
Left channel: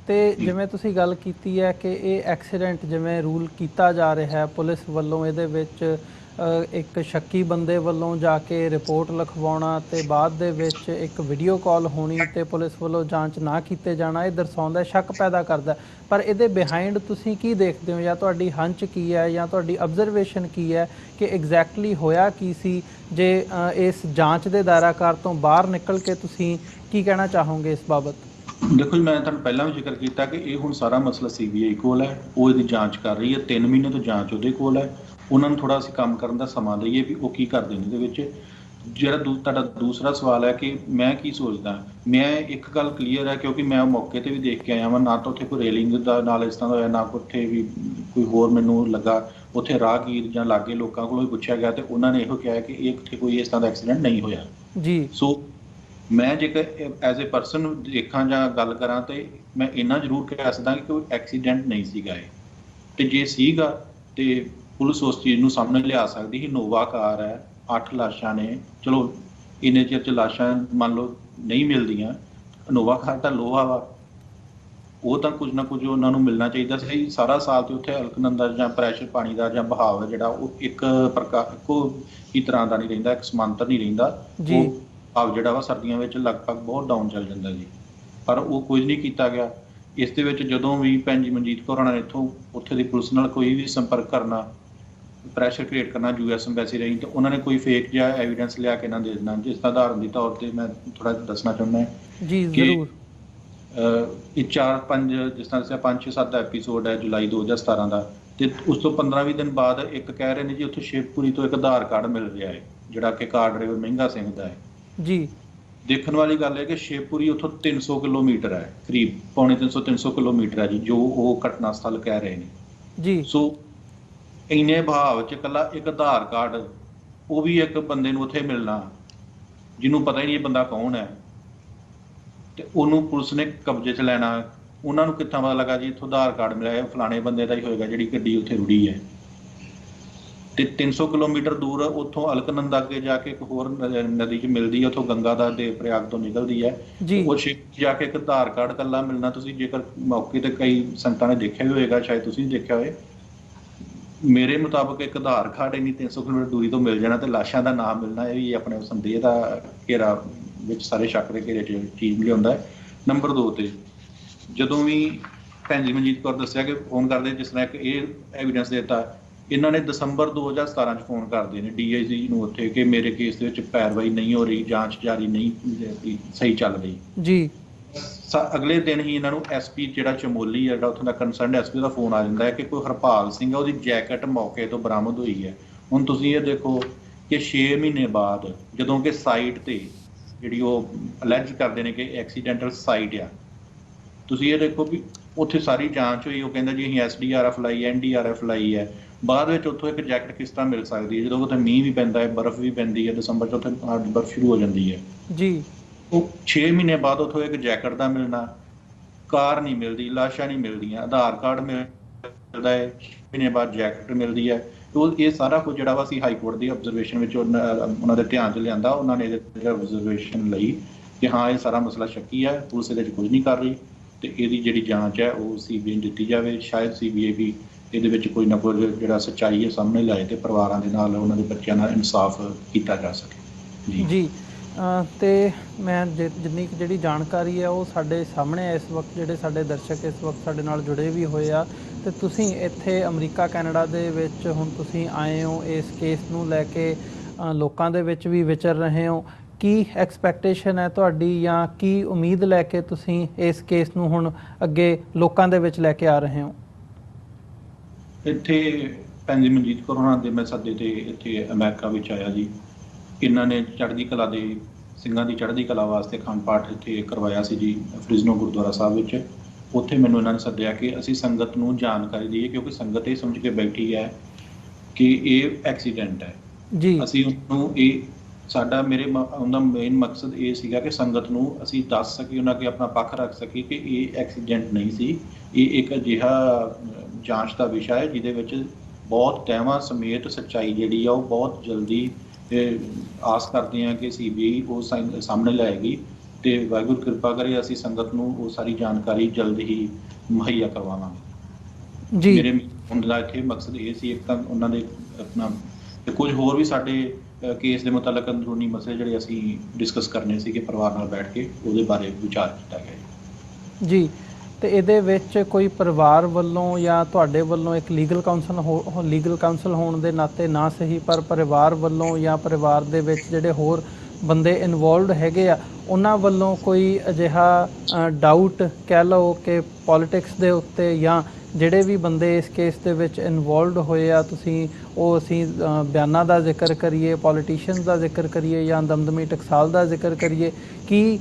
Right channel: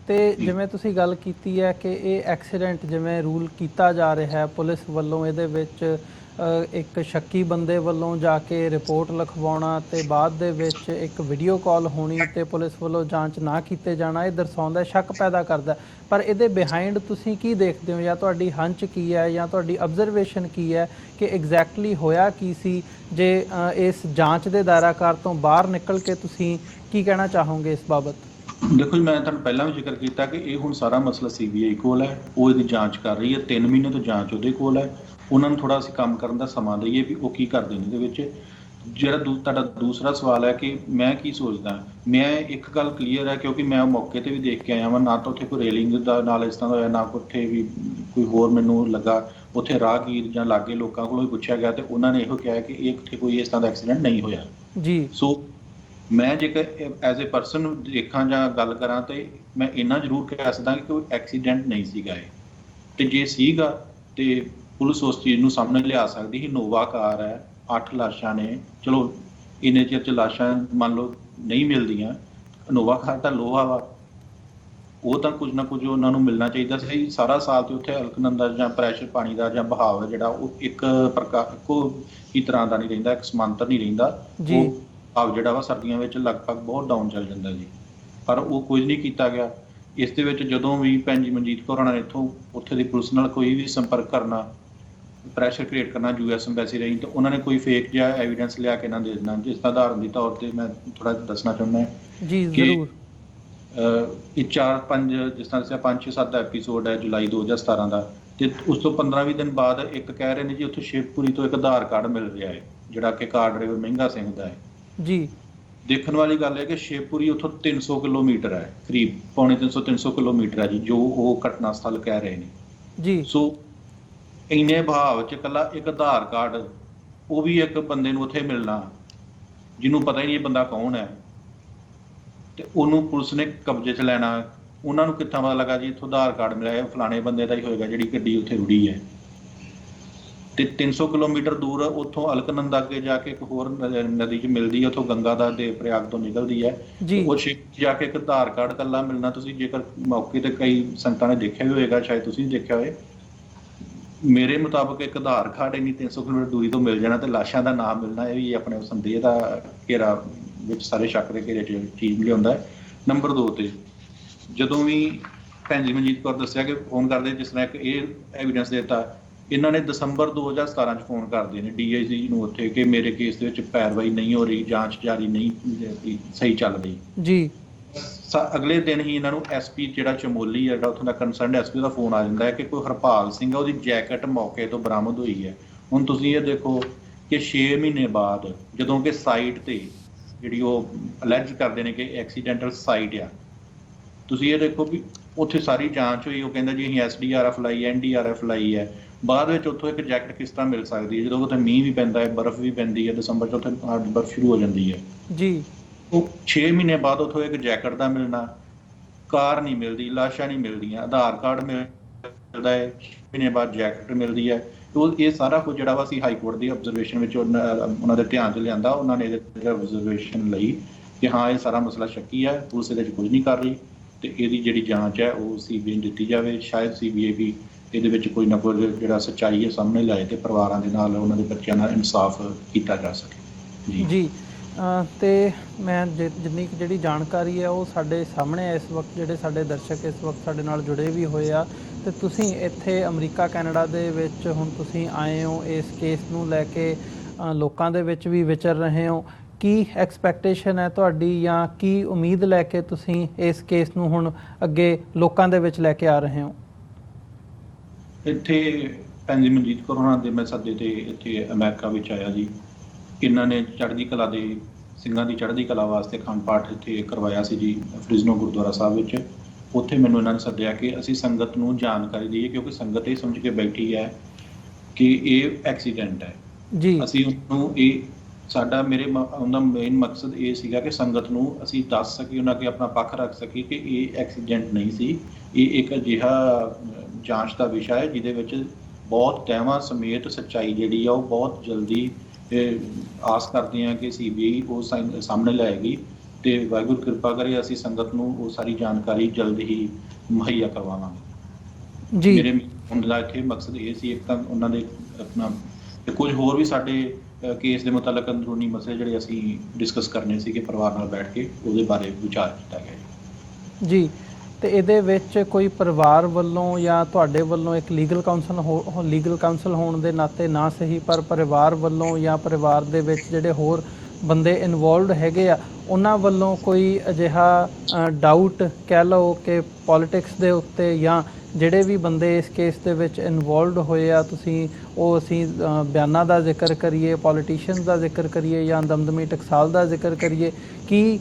ਤੇ ਜਿਵੇਂ ਤੁਸੀਂ ਗੱਲ ਕੀਤੀ ਹੈ ਕਿ ਇਹ ਐਕਸੀਡੈਂਟ ਜਿਵੇਂ ਰੂਲ ਕੀਤਾ ਜਾ ਰਿਹਾ ਹੈ ਪੁਲਿਸ ਵੱਲੋਂ, ਇਹਦੇ ਵਿੱਚ ਇੱਕ ਸ਼ੱਕੀ ਬੰਦੇ ਵੱਲੋਂ ਜਾ ਕੇ ਰਿਪੋਰਟ ਲਿਖਵਾਉਣਾ ਤੇ ਬਾਅਦ ਦੇ ਵਿੱਚ ਇੱਕ ਵੀਡੀਓ ਕਾਲ ਹੋਣੀ ਤੇ ਪੁਲਿਸ ਵੱਲੋਂ ਜਾਂਚ ਨਾ ਕੀਤੇ ਜਾਣਾ, ਇਹ ਦਰਸਾਉਂਦਾ, ਸ਼ੱਕ ਪੈਦਾ ਕਰਦਾ। ਪਰ ਇਹਦੇ ਬਿਹਾਈਂਡ ਤੁਸੀਂ ਕੀ ਦੇਖਦੇ ਹੋ, ਜਾਂ ਤੁਹਾਡੀ ਹੰਚ ਕੀ ਹੈ, ਜਾਂ ਤੁਹਾਡੀ ਅਬਜ਼ਰਵੇਸ਼ਨ ਕੀ ਹੈ ਕਿ ਐਗਜ਼ੈਕਟਲੀ ਹੋਇਆ ਕੀ ਸੀ? ਜੇ ਇਸ ਜਾਂਚ ਦੇ ਦਾਇਰਾਕਾਰ ਤੋਂ ਬਾਹਰ ਨਿਕਲ ਕੇ ਤੁਸੀਂ ਕੀ ਕਹਿਣਾ ਚਾਹੋਗੇ ਇਸ ਬਾਬਤ? ਦੇਖੋ, ਮੈਂ ਤੁਹਾਨੂੰ ਪਹਿਲਾਂ ਵੀ ਜ਼ਿਕਰ ਕੀਤਾ ਕਿ ਇਹ ਹੁਣ ਸਾਰਾ ਮਸਲਾ CBI ਕੋਲ ਹੈ, ਉਹ ਇਹਦੀ ਜਾਂਚ ਕਰ ਰਹੀ ਹੈ। 3 ਮਹੀਨੇ ਤੋਂ ਜਾਂਚ ਉਹਦੇ ਕੋਲ ਹੈ। ਉਹਨਾਂ ਨੂੰ ਥੋੜਾ ਅਸੀਂ ਕੰਮ ਕਰਨ ਦਾ ਸਮਾਂ ਦਈਏ ਵੀ ਉਹ ਕੀ ਕਰਦੇ ਨੇ ਇਹਦੇ ਵਿੱਚ। ਜਿਹੜਾ ਤੁਹਾਡਾ ਦੂਸਰਾ ਸਵਾਲ ਹੈ ਕਿ ਮੈਂ ਕੀ ਸੋਚਦਾ, ਮੈਂ ਇੱਕ ਗੱਲ ਕਲੀਅਰ ਹੈ, ਕਿਉਂਕਿ ਮੈਂ ਮੌਕੇ ਤੇ ਵੀ ਦੇਖ ਕੇ ਆਇਆ ਵਾਂ, ਨਾ ਤਾਂ ਉੱਥੇ ਕੋਈ ਰੇਲਿੰਗ ਦਾ ਨਾਲ ਇਸ ਤਰ੍ਹਾਂ ਦਾ ਹੋਇਆ, ਨਾ ਉੱਥੇ ਵੀ ਕੋਈ ਹੋਰ ਮੈਨੂੰ ਲੱਗਾ। ਉੱਥੇ ਰਾਹਗੀਰ ਜਾਂ ਲਾਗੇ ਲੋਕਾਂ ਕੋਲੋਂ ਵੀ ਪੁੱਛਿਆ ਗਿਆ ਤੇ ਉਹਨਾਂ ਨੇ ਇਹੋ ਕਿਹਾ ਕਿ ਇਹ ਇੱਥੇ ਕੋਈ ਇਸ ਤਰ੍ਹਾਂ ਦਾ ਐਕਸੀਡੈਂਟ ਨਹੀਂ ਹੋਇਆ ਜੀ। ਸੋ ਮੈਂ ਜੇਕਰ ਐਜ਼ ਏ ਪਰਸਨ ਦੇਖਾਂ ਜਾਂ ਗੱਲ ਕਰਾਂ ਤੇ ਮੈਂ ਇੰਨਾ ਜ਼ਰੂਰ ਕਹਿ ਸਕਦਾ ਕਿ ਕੋਈ ਐਕਸੀਡੈਂਟ ਨਹੀਂ ਸੀਗਾ ਇਹ। ਤੇ ਜੇ ਸੀਗਾ ਤੇ ਪੁਲਿਸ ਉਸ ਚੀਜ਼ ਨੂੰ ਸਾਹਮਣੇ ਲਿਆ ਸਕਦੀ ਸੀ। ਨੋਵਾ ਕਾਰ ਹੈ, 8 ਲਾਸ਼ਾਂ ਨੇ, ਚਲੋ ਇੰਨੇ ਚਿਰ 'ਚ ਲਾਸ਼ਾਂ ਮੰਨ ਲਓ ਨਹੀਂ ਮਿਲਦੀਆਂ, ਨੋਵਾ ਕਾਰ ਦਾ ਲੋਹਾ ਵਾ, ਉਹ ਤਾਂ ਕੁਝ ਨਾ ਕੁਝ ਉਹਨਾਂ ਨੂੰ ਮਿਲਣਾ ਚਾਹੀਦਾ ਸੀ। ਸਾਰਾ ਸਾਲ ਤੇ ਉੱਥੇ ਅਲਕਨੰਦਾ ਜਾਂ ਪ੍ਰੈਸ਼ਰ ਪਾਣੀ ਦਾ ਜਾਂ ਬਹਾਵ ਹੈ ਜਿਹੜਾ ਉਹ ਇੱਕ ਪ੍ਰਕਾਰ ਇੱਕੋ ਹੀ ਤਰ੍ਹਾਂ ਦਾ ਨਹੀਂ ਰਹਿੰਦਾ, ਇੱਕ ਸਮਾਂਤਰ ਨਹੀਂ ਰਹਿੰਦਾ। ਉਹ ਭਾਵ ਜਿਹੜਾ ਵਾ ਸਰਦੀਆਂ ਵਿੱਚ ਲਗਭਗ ਬਹੁਤ ਡਾਊਨ ਚੱਲ ਜਾਂਦਾ ਜੀ, ਪਰ ਉਹ ਕੁਝ ਨਹੀਂ ਕੀਤਾ ਗਿਆ। ਇਸ ਦੇ ਵਿੱਚ ਜਦੋਂ ਵੀ ਭੈਣ ਜੀ ਮਨਜੀਤ ਕੌਰ ਹੋਣਾ ਨੇ ਇੱਥੋਂ ਉੱਥੇ ਦੀ ਪੁਲਿਸ ਨਾਲ ਕੋਈ ਵੀ ਸੰਪਰਕ ਕਰਨਾ, ਪ੍ਰੈਸ਼ਰ ਕ੍ਰੀਏਟ ਕਰਨਾ US ਐਮਬੈਸੀ ਰਹੀ, ਤਾਂ ਉਹਨਾਂ ਨੇ ਕੋਈ ਫੇਕ ਜਿਹਾ ਐਵੀਡੈਂਸ ਲਿਆ ਕੇ ਨਾ ਦੇ ਦੇਣਾ। ਜਿਸ ਦਾ ਉਦਾਹਰਨ ਦੇ ਤੌਰ ਤੇ ਮੈਂ ਥੋੜਾ ਦੱਸਣਾ ਚਾਹੁੰਦਾ ਹਾਂ ਜੀ ਜ਼ਰੂਰ। ਇਹ 4-5 ਜਿਸ ਤਰ੍ਹਾਂ 5-6-7 ਦਾ ਐਪੀਸੋਡ ਹੈ ਜੁਲਾਈ 2017 ਦਾ, ਤੇ ਉਸ ਤੋਂ 15-20 ਦਿਨ ਬਾਅਦ ਇੱਕ ਕਹਿ ਰਹੇ ਨੇ ਜੀ ਉੱਥੇ ਸ਼ਿਵਪੁਰੀ ਤੋਂ ਇੱਕ ਆਧਾਰ ਕਾਰਡ ਮਿਲ ਰਿਹਾ ਹੈ ਜਿਹੜਾ ਕਿ ਕਾਰ ਡਰਾਈਵਰ ਮਹਿੰਗਾ ਸਿੰਘ ਦਾ ਹੈ ਜੀ। ਦੇਖਣ ਵਾਲੀ ਗੱਲ ਹੈ ਕਿ ਸ਼ਿਵਪੁਰੀ ਉੱਥੋਂ 300 ਕਿਲੋਮੀਟਰ ਹੈ, ਕਰੀਬ ਪੌਣੇ 300 ਕਿਲੋਮੀਟਰ ਹੈ ਜੀ, ਜੋ ਉਹ ਘਟਨਾ ਸਥਲ ਕਹਿ ਰਹੇ ਨੇ ਜੀ। ਸੋ ਇੰਨੇ ਭਾਵ ਚ ਇਕੱਲਾ ਇੱਕ ਆਧਾਰ ਕਾਰਡ, ਉਹ ਵੀ ਇੱਕ ਬੰਦੇ ਨੂੰ ਉੱਥੇ ਮਿਲਣਾ ਜਿਹਨੂੰ ਪਤਾ ਹੀ ਨਹੀਂ ਇਹ ਬੰਦਾ ਕੌਣ ਹੈ, ਤੇ ਉਹਨੂੰ ਪੁਲਿਸ ਨੇ ਕਬਜ਼ੇ 'ਚ ਲੈਣਾ। ਉਹਨਾਂ ਨੂੰ ਕਿੱਥਾਂ ਪਤਾ ਲੱਗਾ ਜੀ ਇੱਥੋਂ ਆਧਾਰ ਕਾਰਡ ਮਿਲਿਆ, ਇਹ ਫਲਾਣੇ ਬੰਦੇ ਦਾ ਹੀ ਹੋਏਗਾ ਜਿਹੜੀ ਗੱਡੀ ਉੱਥੇ ਰੁੜੀ ਹੈ। ਤੇ 300 ਕਿਲੋਮੀਟਰ ਦੂਰ ਹੈ ਉੱਥੋਂ, ਅਲਕਨੰਦਾ ਅੱਗੇ ਜਾ ਕੇ ਇੱਕ ਹੋਰ ਨਦੀ 'ਚ ਮਿਲਦੀ ਹੈ, ਉੱਥੋਂ ਗੰਗਾ ਦਾ ਤੇ ਪ੍ਰਯਾਗ ਤੋਂ ਨਿਕਲਦੀ ਹੈ। ਉਹ ਜਾ ਕੇ ਇੱਕ ਆਧਾਰ ਕਾਰਡ ਇਕੱਲਾ ਮਿਲਣਾ, ਤੁਸੀਂ ਜੇਕਰ ਮੌਕੇ ਤੇ ਕਈ ਸੰਗਤਾਂ ਨੇ ਦੇਖਿਆ ਵੀ ਹੋਏਗਾ, ਸ਼ਾਇਦ ਤੁਸੀਂ ਵੀ ਦੇਖਿਆ ਹੋਵੇ, ਮੇਰੇ ਮੁਤਾਬਕ ਇੱਕ ਆਧਾਰ ਕਾਰਡ ਇੰਨੀ 300 ਕਿਲੋਮੀਟਰ ਦੂਰੀ ਤੋਂ ਮਿਲ ਜਾਣਾ ਤੇ ਲਾਸ਼ਾਂ ਦਾ ਨਾਮ ਮਿਲਣਾ, ਇਹ ਵੀ ਆਪਣੇ ਸੰਦੇਹ ਦਾ ਘੇਰਾ ਵਿੱਚ ਸਾਰੇ ਸ਼ੱਕ ਦੇ ਘੇਰੇ 'ਚ ਚੀਜ਼ ਲਿਆਉਂਦਾ ਹੈ। ਨੰਬਰ 2 ਤੇ ਜਦੋਂ ਵੀ ਭੈਣ ਜੀ ਮਨਜੀਤ ਕੌਰ ਦੱਸਿਆ ਕਿ ਫੋਨ ਕਰਦੇ, ਜਿਸ ਤਰ੍ਹਾਂ ਕਿ ਇਹ ਐਵੀਡੈਂਸ ਦਿੱਤਾ, ਇਹਨਾਂ ਨੇ ਦਸੰਬਰ 2017 'ਚ ਫੋਨ ਕਰਦੇ ਨੇ DIG ਨੂੰ ਉੱਥੇ ਕਿ ਮੇਰੇ ਕੇਸ ਦੇ ਵਿੱਚ ਪੈਰਵਾਈ ਨਹੀਂ ਹੋ ਰਹੀ, ਜਾਂਚ ਜਾਰੀ ਨਹੀਂ ਸਹੀ ਚੱਲ ਰਹੀ ਜੀ। ਅਗਲੇ ਦਿਨ ਹੀ ਇਹਨਾਂ ਨੂੰ SP ਜਿਹੜਾ ਚਮੋਲੀ ਹੈ, ਜਿਹੜਾ ਉੱਥੋਂ ਦਾ ਕੰਸਰਨਡ SP ਦਾ ਫੋਨ ਆ ਜਾਂਦਾ ਹੈ ਕਿ ਕੋਈ ਹਰਪਾਲ ਸਿੰਘ ਉਹਦੀ ਜੈਕਟ ਮੌਕੇ ਤੋਂ ਬਰਾਮਦ ਹੋਈ ਹੈ। ਹੁਣ ਤੁਸੀਂ ਇਹ ਦੇਖੋ ਕਿ 6 ਮਹੀਨੇ ਬਾਅਦ ਜਦੋਂ ਕਿ ਸਾਈਟ ਤੇ ਜਿਹੜੀ ਉਹ ਅਲੈਜ ਕਰਦੇ ਨੇ ਕਿ ਐਕਸੀਡੈਂਟਲ ਸਾਈਟ ਆ, ਤੁਸੀਂ ਇਹ ਦੇਖੋ ਵੀ ਉੱਥੇ ਸਾਰੀ ਜਾਂਚ ਹੋਈ, ਉਹ ਕਹਿੰਦਾ ਜੀ ਅਸੀਂ SDRF ਲਾਈ ਹੈ, NDRF ਲਾਈ ਹੈ, ਬਾਅਦ ਵਿੱਚ ਉੱਥੋਂ ਇੱਕ ਜੈਕਟ ਕਿਸ ਤਰ੍ਹਾਂ ਮਿਲ ਸਕਦੀ ਹੈ ਜਦੋਂ ਉੱਥੇ ਮੀਂਹ ਵੀ ਪੈਂਦਾ ਹੈ, ਬਰਫ਼ ਵੀ ਪੈਂਦੀ ਹੈ, ਦਸੰਬਰ 'ਚ ਉੱਥੇ ਬਰਫ਼ ਸ਼ੁਰੂ ਹੋ ਜਾਂਦੀ ਹੈ ਜੀ। ਉਹ 6 ਮਹੀਨੇ ਬਾਅਦ ਉੱਥੋਂ ਇੱਕ ਜੈਕਟ ਦਾ ਮਿਲਣਾ, ਕਾਰ ਨਹੀਂ ਮਿਲਦੀ, ਲਾਸ਼ਾਂ ਨਹੀਂ ਮਿਲਦੀਆਂ, ਆਧਾਰ ਕਾਰਡ ਮਿਲਦਾ ਹੈ, 6 ਮਹੀਨੇ ਬਾਅਦ ਜੈਕਟ ਮਿਲਦੀ ਹੈ। ਇਹ ਸਾਰਾ ਕੁਝ ਜਿਹੜਾ ਵਾ ਅਸੀਂ ਹਾਈ ਕੋਰਟ ਦੀ ਆਬਜ਼ਰਵੇਸ਼ਨ ਵਿੱਚ ਉਹਨਾਂ ਦੇ ਧਿਆਨ 'ਚ ਲਿਆਂਦਾ, ਉਹਨਾਂ ਨੇ ਆਬਜ਼ਰਵੇਸ਼ਨ ਲਈ ਕਿ ਹਾਂ ਇਹ ਸਾਰਾ ਮਸਲਾ ਸ਼ੱਕੀ ਹੈ, ਪੁਲਿਸ ਇਹਦੇ 'ਚ ਕੁਝ ਨਹੀਂ ਕਰ ਰਹੀ ਤੇ ਇਹਦੀ ਜਿਹੜੀ ਜਾਂਚ ਹੈ ਉਹ CBI ਨੂੰ ਦਿੱਤੀ ਜਾਵੇ। ਸ਼ਾਇਦ CBI ਵੀ ਇਹਦੇ ਵਿੱਚ ਕੋਈ ਨਾ ਕੋਈ ਜਿਹੜਾ ਸੱਚਾਈ ਹੈ ਸਾਹਮਣੇ ਲਾਏ ਤੇ ਪਰਿਵਾਰਾਂ ਦੇ ਨਾਲ, ਉਹਨਾਂ ਦੇ ਬੱਚਿਆਂ ਨਾਲ ਇਨਸਾਫ ਕੀਤਾ ਜਾ ਸਕੇ। ਜੀ ਤੇ ਮੈਂ ਜਿੰਨੀ ਕੁ ਜਿਹੜੀ ਜਾਣਕਾਰੀ ਹੈ ਉਹ ਸਾਡੇ ਸਾਹਮਣੇ ਇਸ ਵਕਤ ਜਿਹੜੇ ਸਾਡੇ ਦਰਸ਼ਕ ਇਸ ਵਕਤ ਸਾਡੇ ਨਾਲ ਜੁੜੇ ਵੀ ਹੋਏ ਆ, ਤੇ ਤੁਸੀਂ ਇੱਥੇ ਅਮਰੀਕਾ ਕੈਨੇਡਾ ਦੇ ਵਿੱਚ ਹੁਣ ਤੁਸੀਂ ਆਏ ਹੋ ਇਸ ਕੇਸ ਨੂੰ ਲੈ ਕੇ, ਲੋਕਾਂ ਦੇ ਵਿੱਚ ਵੀ ਵਿਚਰ ਰਹੇ ਹੋ, ਕੀ ਐਕਸਪੈਕਟੇਸ਼ਨ ਹੈ ਤੁਹਾਡੀ ਜਾਂ ਕੀ ਉਮੀਦ ਲੈ ਕੇ ਤੁਸੀਂ ਇਸ ਕੇਸ ਨੂੰ ਹੁਣ ਅੱਗੇ ਲੋਕਾਂ ਦੇ ਵਿੱਚ ਲੈ ਕੇ ਆ ਰਹੇ ਹੋ? ਇੱਥੇ ਭੈਣ ਜੀ ਮਨਜੀਤ ਕੌਰ ਹੋਣਾ ਦੇ ਮੈਂ ਸੱਦੇ ਤੇ ਇੱਥੇ ਅਮਰੀਕਾ ਵਿੱਚ ਆਇਆ ਜੀ। ਇਹਨਾਂ ਨੇ ਚੜ੍ਹਦੀ ਕਲਾ ਦੇ ਸਿੰਘਾਂ ਦੀ ਚੜ੍ਹਦੀ ਕਲਾ ਵਾਸਤੇ ਅਖੰਡ ਪਾਠ ਇੱਥੇ ਕਰਵਾਇਆ ਸੀ ਜੀ ਫ੍ਰਿਜ਼ਨੋ ਗੁਰਦੁਆਰਾ ਸਾਹਿਬ ਵਿੱਚ। ਉੱਥੇ ਮੈਨੂੰ ਇਹਨਾਂ ਨੇ ਸੱਦਿਆ ਕਿ ਅਸੀਂ ਸੰਗਤ ਨੂੰ ਜਾਣਕਾਰੀ ਦਈਏ, ਕਿਉਂਕਿ ਸੰਗਤ ਇਹ ਸਮਝ ਕੇ ਬੈਠੀ ਹੈ ਕਿ ਇਹ ਐਕਸੀਡੈਂਟ ਹੈ ਜੀ। ਅਸੀਂ ਉਹਨੂੰ ਸਾਡਾ ਉਹਦਾ ਮੇਨ ਮਕਸਦ ਇਹ ਸੀਗਾ ਕਿ ਸੰਗਤ ਨੂੰ ਅਸੀਂ ਦੱਸ ਸਕੀਏ, ਉਹਨਾਂ ਅੱਗੇ ਆਪਣਾ ਪੱਖ ਰੱਖ ਸਕੀਏ ਕਿ ਇਹ ਐਕਸੀਡੈਂਟ ਨਹੀਂ ਸੀ, ਇਹ ਇੱਕ ਅਜਿਹਾ ਜਾਂਚ ਦਾ ਵਿਸ਼ਾ ਹੈ ਜਿਹਦੇ ਵਿੱਚ ਬਹੁਤ ਤਹਿਵਾਂ ਸਮੇਤ ਸੱਚਾਈ ਜਿਹੜੀ ਆ ਉਹ ਬਹੁਤ ਜਲਦੀ ਆਸ ਕਰਦੇ ਹਾਂ ਕਿ CBI ਉਹ ਸਾਹਮਣੇ ਲਾਏਗੀ ਤੇ ਵਾਹਿਗੁਰੂ ਕਿਰਪਾ ਕਰੇ ਅਸੀਂ ਸੰਗਤ ਨੂੰ ਉਹ ਸਾਰੀ ਜਾਣਕਾਰੀ ਜਲਦ ਹੀ ਮੁਹੱਈਆ ਕਰਵਾਵਾਂਗੇ ਜੀ। ਮੇਰੇ ਹੁਣ ਦਾ ਇੱਥੇ ਮਕਸਦ ਇਹ ਸੀ, ਇੱਕ ਤਾਂ ਉਹਨਾਂ ਦੇ ਆਪਣਾ ਤੇ ਕੁਝ ਹੋਰ ਵੀ ਸਾਡੇ ਕੇਸ ਦੇ ਮੁਤਲਕ ਅੰਦਰੂਨੀ ਮਸਲੇ ਜਿਹੜੇ ਅਸੀਂ ਡਿਸਕਸ ਕਰਨੇ ਸੀ ਕਿ ਪਰਿਵਾਰ ਨਾਲ ਬੈਠ ਕੇ ਉਹਦੇ ਬਾਰੇ ਵਿਚਾਰ ਕੀਤਾ ਗਿਆ ਜੀ। ਤੇ ਇਹਦੇ ਵਿੱਚ ਕੋਈ ਪਰਿਵਾਰ ਵੱਲੋਂ ਜਾਂ ਤੁਹਾਡੇ ਵੱਲੋਂ ਇੱਕ ਲੀਗਲ ਕਾਉਂਸਲ ਹੋਣ ਦੇ ਨਾਤੇ ਨਾ ਸਹੀ, ਪਰ ਪਰਿਵਾਰ ਵੱਲੋਂ ਜਾਂ ਪਰਿਵਾਰ ਦੇ ਵਿੱਚ ਜਿਹੜੇ ਹੋਰ ਬੰਦੇ ਇਨਵੋਲਵਡ ਹੈਗੇ ਆ ਉਹਨਾਂ ਵੱਲੋਂ ਕੋਈ ਅਜਿਹਾ ਡਾਊਟ ਕਹਿ ਲਓ ਕਿ ਪੋਲਿਟਿਕਸ ਦੇ ਉੱਤੇ ਜਾਂ ਜਿਹੜੇ ਵੀ ਬੰਦੇ ਇਸ ਕੇਸ ਦੇ ਵਿੱਚ ਇਨਵੋਲਵਡ ਹੋਏ ਆ, ਤੁਸੀਂ ਉਹ ਅਸੀਂ ਬਿਆਨਾਂ ਦਾ ਜ਼ਿਕਰ ਕਰੀਏ, ਪੋਲੀਟੀਸ਼ੀਅਨਸ ਦਾ ਜ਼ਿਕਰ ਕਰੀਏ ਜਾਂ ਦਮਦਮੀ ਟਕਸਾਲ ਦਾ ਜ਼ਿਕਰ ਕਰੀਏ, ਕੀ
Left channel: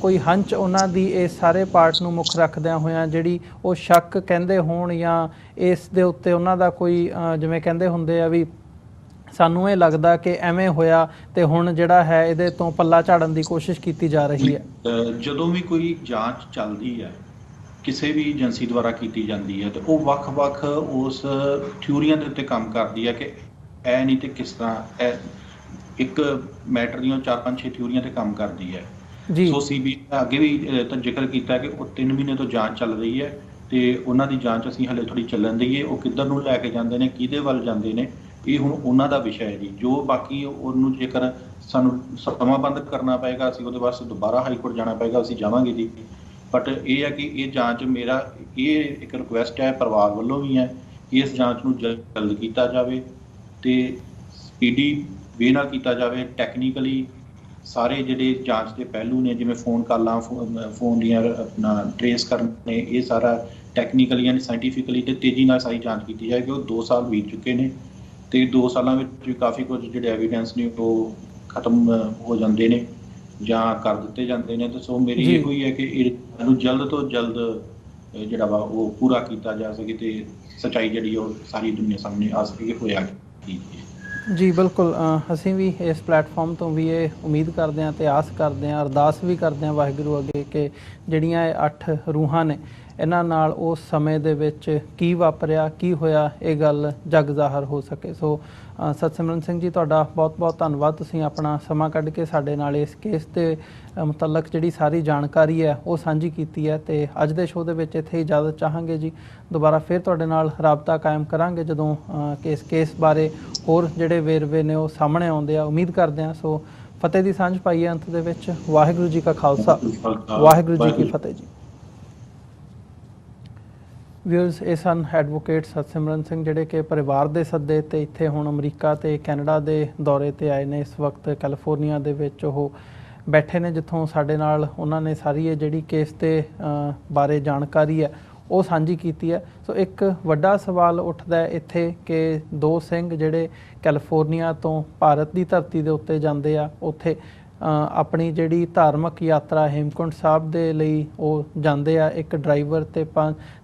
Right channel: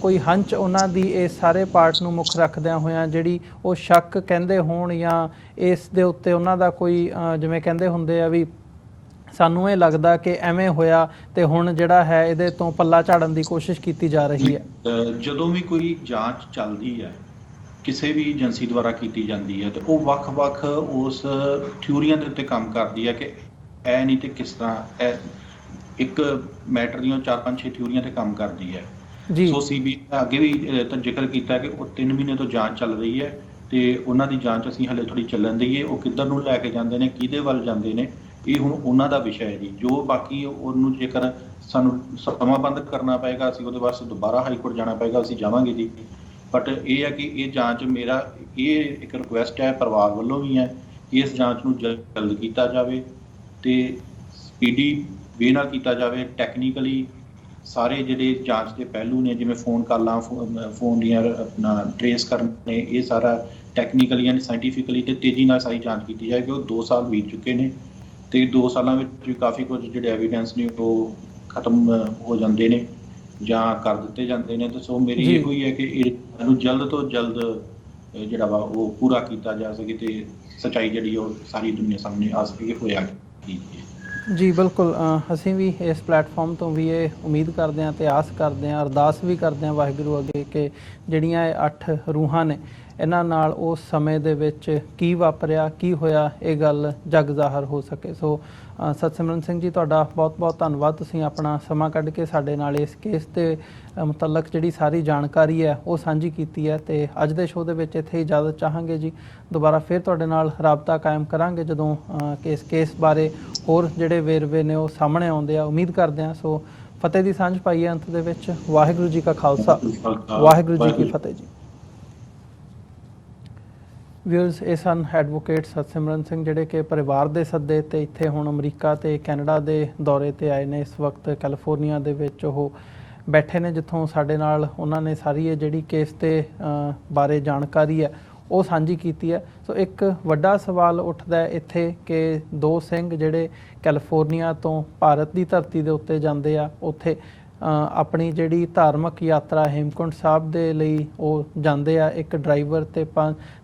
ਕੋਈ ਹੰਚ ਉਹਨਾਂ ਦੀ ਇਸ ਸਾਰੇ ਪਾਰਟ ਨੂੰ ਮੁੱਖ ਰੱਖਦਿਆਂ ਹੋਇਆਂ ਜਿਹੜੀ ਉਹ ਸ਼ੱਕ ਕਹਿੰਦੇ ਹੋਣ ਜਾਂ ਇਸ ਦੇ ਉੱਤੇ ਉਹਨਾਂ ਦਾ ਕੋਈ ਜਿਵੇਂ ਕਹਿੰਦੇ ਹੁੰਦੇ ਆ ਵੀ ਸਾਨੂੰ ਇਹ ਲੱਗਦਾ ਕਿ ਐਵੇਂ ਹੋਇਆ ਤੇ ਹੁਣ ਜਿਹੜਾ ਹੈ ਇਹਦੇ ਤੋਂ ਪੱਲਾ ਝਾੜਨ ਦੀ ਕੋਸ਼ਿਸ਼ ਕੀਤੀ ਜਾ ਰਹੀ ਹੈ? ਜਦੋਂ ਵੀ ਕੋਈ ਜਾਂਚ ਚੱਲਦੀ ਹੈ ਕਿਸੇ ਵੀ ਏਜੰਸੀ ਦੁਆਰਾ ਕੀਤੀ ਜਾਂਦੀ ਹੈ ਤੇ ਉਹ ਵੱਖ-ਵੱਖ ਉਸ ਥਿਊਰੀਆਂ ਦੇ ਉੱਤੇ ਕੰਮ ਕਰਦੀ ਹੈ ਕਿ ਇਹ ਨਹੀਂ ਤੇ ਕਿਸ ਤਰ੍ਹਾਂ ਇੱਕ ਮੈਟਰ ਦੀਆਂ 4-5-6 ਥਿਊਰੀਆਂ ਤੇ ਕੰਮ ਕਰਦੀ ਹੈ ਜੀ। ਸੋ CBI ਅੱਗੇ ਵੀ ਤਾਂ ਜ਼ਿਕਰ ਕੀਤਾ ਕਿ ਉਹ 3 ਮਹੀਨੇ ਤੋਂ ਜਾਂਚ ਚੱਲ ਰਹੀ ਹੈ ਤੇ ਉਹਨਾਂ ਦੀ ਜਾਂਚ ਅਸੀਂ ਹਲੇ ਥੋੜੀ ਚੱਲਣ ਦਈਏ, ਉਹ ਕਿੱਧਰ ਨੂੰ ਲੈ ਕੇ ਜਾਂਦੇ ਨੇ, ਕਿਹਦੇ ਵੱਲ ਜਾਂਦੇ ਨੇ, ਇਹ ਹੁਣ ਉਹਨਾਂ ਦਾ ਵਿਸ਼ਾ ਹੈ ਜੀ। ਜੋ ਬਾਕੀ ਉਹਨੂੰ ਜੇਕਰ ਸਾਨੂੰ ਸਮਾਬੰਧ ਕਰਨਾ ਪਏਗਾ ਅਸੀਂ ਉਹਦੇ ਵਾਸਤੇ ਦੁਬਾਰਾ ਹਾਈ ਕੋਰਟ ਜਾਣਾ ਪਏਗਾ, ਅਸੀਂ ਜਾਵਾਂਗੇ ਜੀ। ਬਟ ਇਹ ਹੈ ਕਿ ਇਹ ਜਾਂਚ ਮੇਰਾ ਇਹ ਇੱਕ ਰਿਕੁਐਸਟ ਹੈ ਪਰਿਵਾਰ ਵੱਲੋਂ ਵੀ ਹੈ ਕਿ ਇਸ ਜਾਂਚ ਨੂੰ ਜਲਦ ਕੀਤਾ ਜਾਵੇ ਤੇ ਸਪੀਡੀ ਵੇ ਨਾਲ ਕੀਤਾ ਜਾਵੇ। ਟੈਕਨੀਕਲੀ ਸਾਰੇ ਜਿਹੜੇ ਜਾਂਚ ਦੇ ਪਹਿਲੂ ਨੇ ਜਿਵੇਂ ਫੋਨ ਕਾਲਾਂ, ਫੋਨ ਦੀਆਂ ਆਪਣਾ ਟਰੇਸ ਕਰਨੇ, ਇਹ ਸਾਰਾ ਟੈਕਨੀਕਲੀ ਐਂਡ ਸਾਇੰਟੀਫਿਕਲੀ ਤੇ ਤੇਜ਼ੀ ਨਾਲ ਸਾਰੀ ਜਾਂਚ ਕੀਤੀ ਜਾਏ ਕਿ ਉਹ 2 ਸਾਲ ਬੀਤ ਚੁੱਕੇ ਨੇ ਤੇ 2 ਸਾਲਾਂ ਵਿੱਚ ਕਾਫੀ ਕੁਝ ਜਿਹੜੇ ਐਵੀਡੈਂਸ ਨੇ ਉਹ ਖਤਮ ਹੋ ਜਾਂਦੇ ਨੇ ਜਾਂ ਕਰ ਦਿੱਤੇ ਜਾਂਦੇ ਨੇ। ਤੇ ਸੋ ਮੇਰੀ ਇਹੋ ਹੀ ਹੈ ਕਿ ਇਹਨੂੰ ਜਲਦ ਤੋਂ ਜਲਦ ਜਿਹੜਾ ਵਾ ਉਹ ਪੂਰਾ ਕੀਤਾ ਜਾ ਸਕੇ ਤੇ ਸੱਚਾਈ ਜਿਹੜੀ ਉਹ ਸਾਰੀ ਦੁਨੀਆ ਸਾਹਮਣੇ ਆ ਸਕੇ। ਹੋਇਆ ਜੀ ਬਿਲਕੁਲ, ਅਸੀਂ ਵੀ ਇਸ ਪਲੇਟਫਾਰਮ ਤੋਂ ਵੀ ਇਹ ਉਮੀਦ ਕਰਦੇ ਹਾਂ ਤੇ ਆਸ ਕਰਦੇ ਹਾਂ, ਅਰਦਾਸ ਵੀ ਕਰਦੇ ਹਾਂ ਵਾਹਿਗੁਰੂ ਅੱਗੇ ਕਿ ਜਿਹੜੀਆਂ ਇਹ 8 ਰੂਹਾਂ ਨੇ ਇਹਨਾਂ ਨਾਲ ਉਸ ਸਮੇਂ ਦੇ ਵਿੱਚ ਕੀ ਵਾਪਰਿਆ, ਕੀ ਹੋਇਆ, ਇਹ ਗੱਲ ਜਗ ਜ਼ਾਹਰ ਹੋ ਸਕੇ। ਸੋ ਸਤਸਿਮਰਨ ਸਿੰਘ ਜੀ, ਤੁਹਾਡਾ ਬਹੁਤ-ਬਹੁਤ ਧੰਨਵਾਦ, ਤੁਸੀਂ ਆਪਣਾ ਸਮਾਂ ਕੱਢ ਕੇ ਸਾਡੇ ਨਾਲ ਇਸ ਕੇਸ ਦੇ ਮੁਤਲਕ ਜਿਹੜੀ ਸਾਰੀ ਜਾਣਕਾਰੀ ਹੈ ਉਹ ਸਾਂਝੀ ਕੀਤੀ ਹੈ। ਤੇ ਅੱਜ ਦੇ ਸ਼ੋਅ ਦੇ ਵਿੱਚ ਇੱਥੇ ਇਜਾਜ਼ਤ ਚਾਹਾਂਗੇ ਜੀ। ਦੁਬਾਰਾ ਫਿਰ ਤੁਹਾਡੇ ਨਾਲ ਰਾਬਤਾ ਕਾਇਮ ਕਰਾਂਗੇ ਜਦੋਂ ਇਸ ਕੇਸ ਬਾਰੇ ਹੋਰ ਜਿਹੜੇ ਵੇਰਵੇ ਨੇ ਉਹ ਸਾਹਮਣੇ ਆਉਂਦੇ ਆ। ਉਮੀਦ ਕਰਦੇ ਹਾਂ। ਸੋ ਫਤਿਹ ਦੀ ਸਾਂਝ ਪਾਈਏ ਅੰਤ ਦੇ ਵਿੱਚ। ਵਾਹਿਗੁਰੂ ਜੀ ਕਾ ਖਾਲਸਾ, ਵਾਹਿਗੁਰੂ ਜੀ ਕੀ ਫਤਿਹ ਜੀ। ਵਿਊਅਰਸ, ਇਹ ਸਨ ਐਡਵੋਕੇਟ ਸਤਸਿਮਰਨ ਸਿੰਘ ਜਿਹੜੇ ਕਿ ਪਰਿਵਾਰ ਦੇ ਸੱਦੇ ਤੇ ਇੱਥੇ ਹੁਣ ਅਮਰੀਕਾ ਤੇ ਕੈਨੇਡਾ ਦੇ ਦੌਰੇ ਤੇ ਆਏ ਨੇ। ਇਸ ਵਕਤ ਕੈਲੀਫੋਰਨੀਆ ਦੇ ਵਿੱਚ ਉਹ ਬੈਠੇ ਨੇ ਜਿੱਥੋਂ ਸਾਡੇ ਨਾਲ ਉਹਨਾਂ ਨੇ ਸਾਰੀ ਇਹ ਜਿਹੜੀ ਕੇਸ ਤੇ ਬਾਰੇ ਜਾਣਕਾਰੀ ਹੈ ਉਹ ਸਾਂਝੀ ਕੀਤੀ ਹੈ। ਸੋ ਇੱਕ ਵੱਡਾ ਸਵਾਲ ਉੱਠਦਾ ਹੈ ਇੱਥੇ ਕਿ ਦੋ ਸਿੰਘ ਜਿਹੜੇ ਕੈਲੀਫੋਰਨੀਆ ਤੋਂ ਭਾਰਤ ਦੀ ਧਰਤੀ ਦੇ ਉੱਤੇ ਜਾਂਦੇ ਆ, ਉੱਥੇ ਆਪਣੀ ਜਿਹੜੀ ਧਾਰਮਿਕ ਯਾਤਰਾ ਹੇਮਕੁੰਟ ਸਾਹਿਬ ਦੇ ਲਈ ਉਹ ਜਾਂਦੇ ਆ। ਇੱਕ ਡਰਾਈਵਰ ਤੇ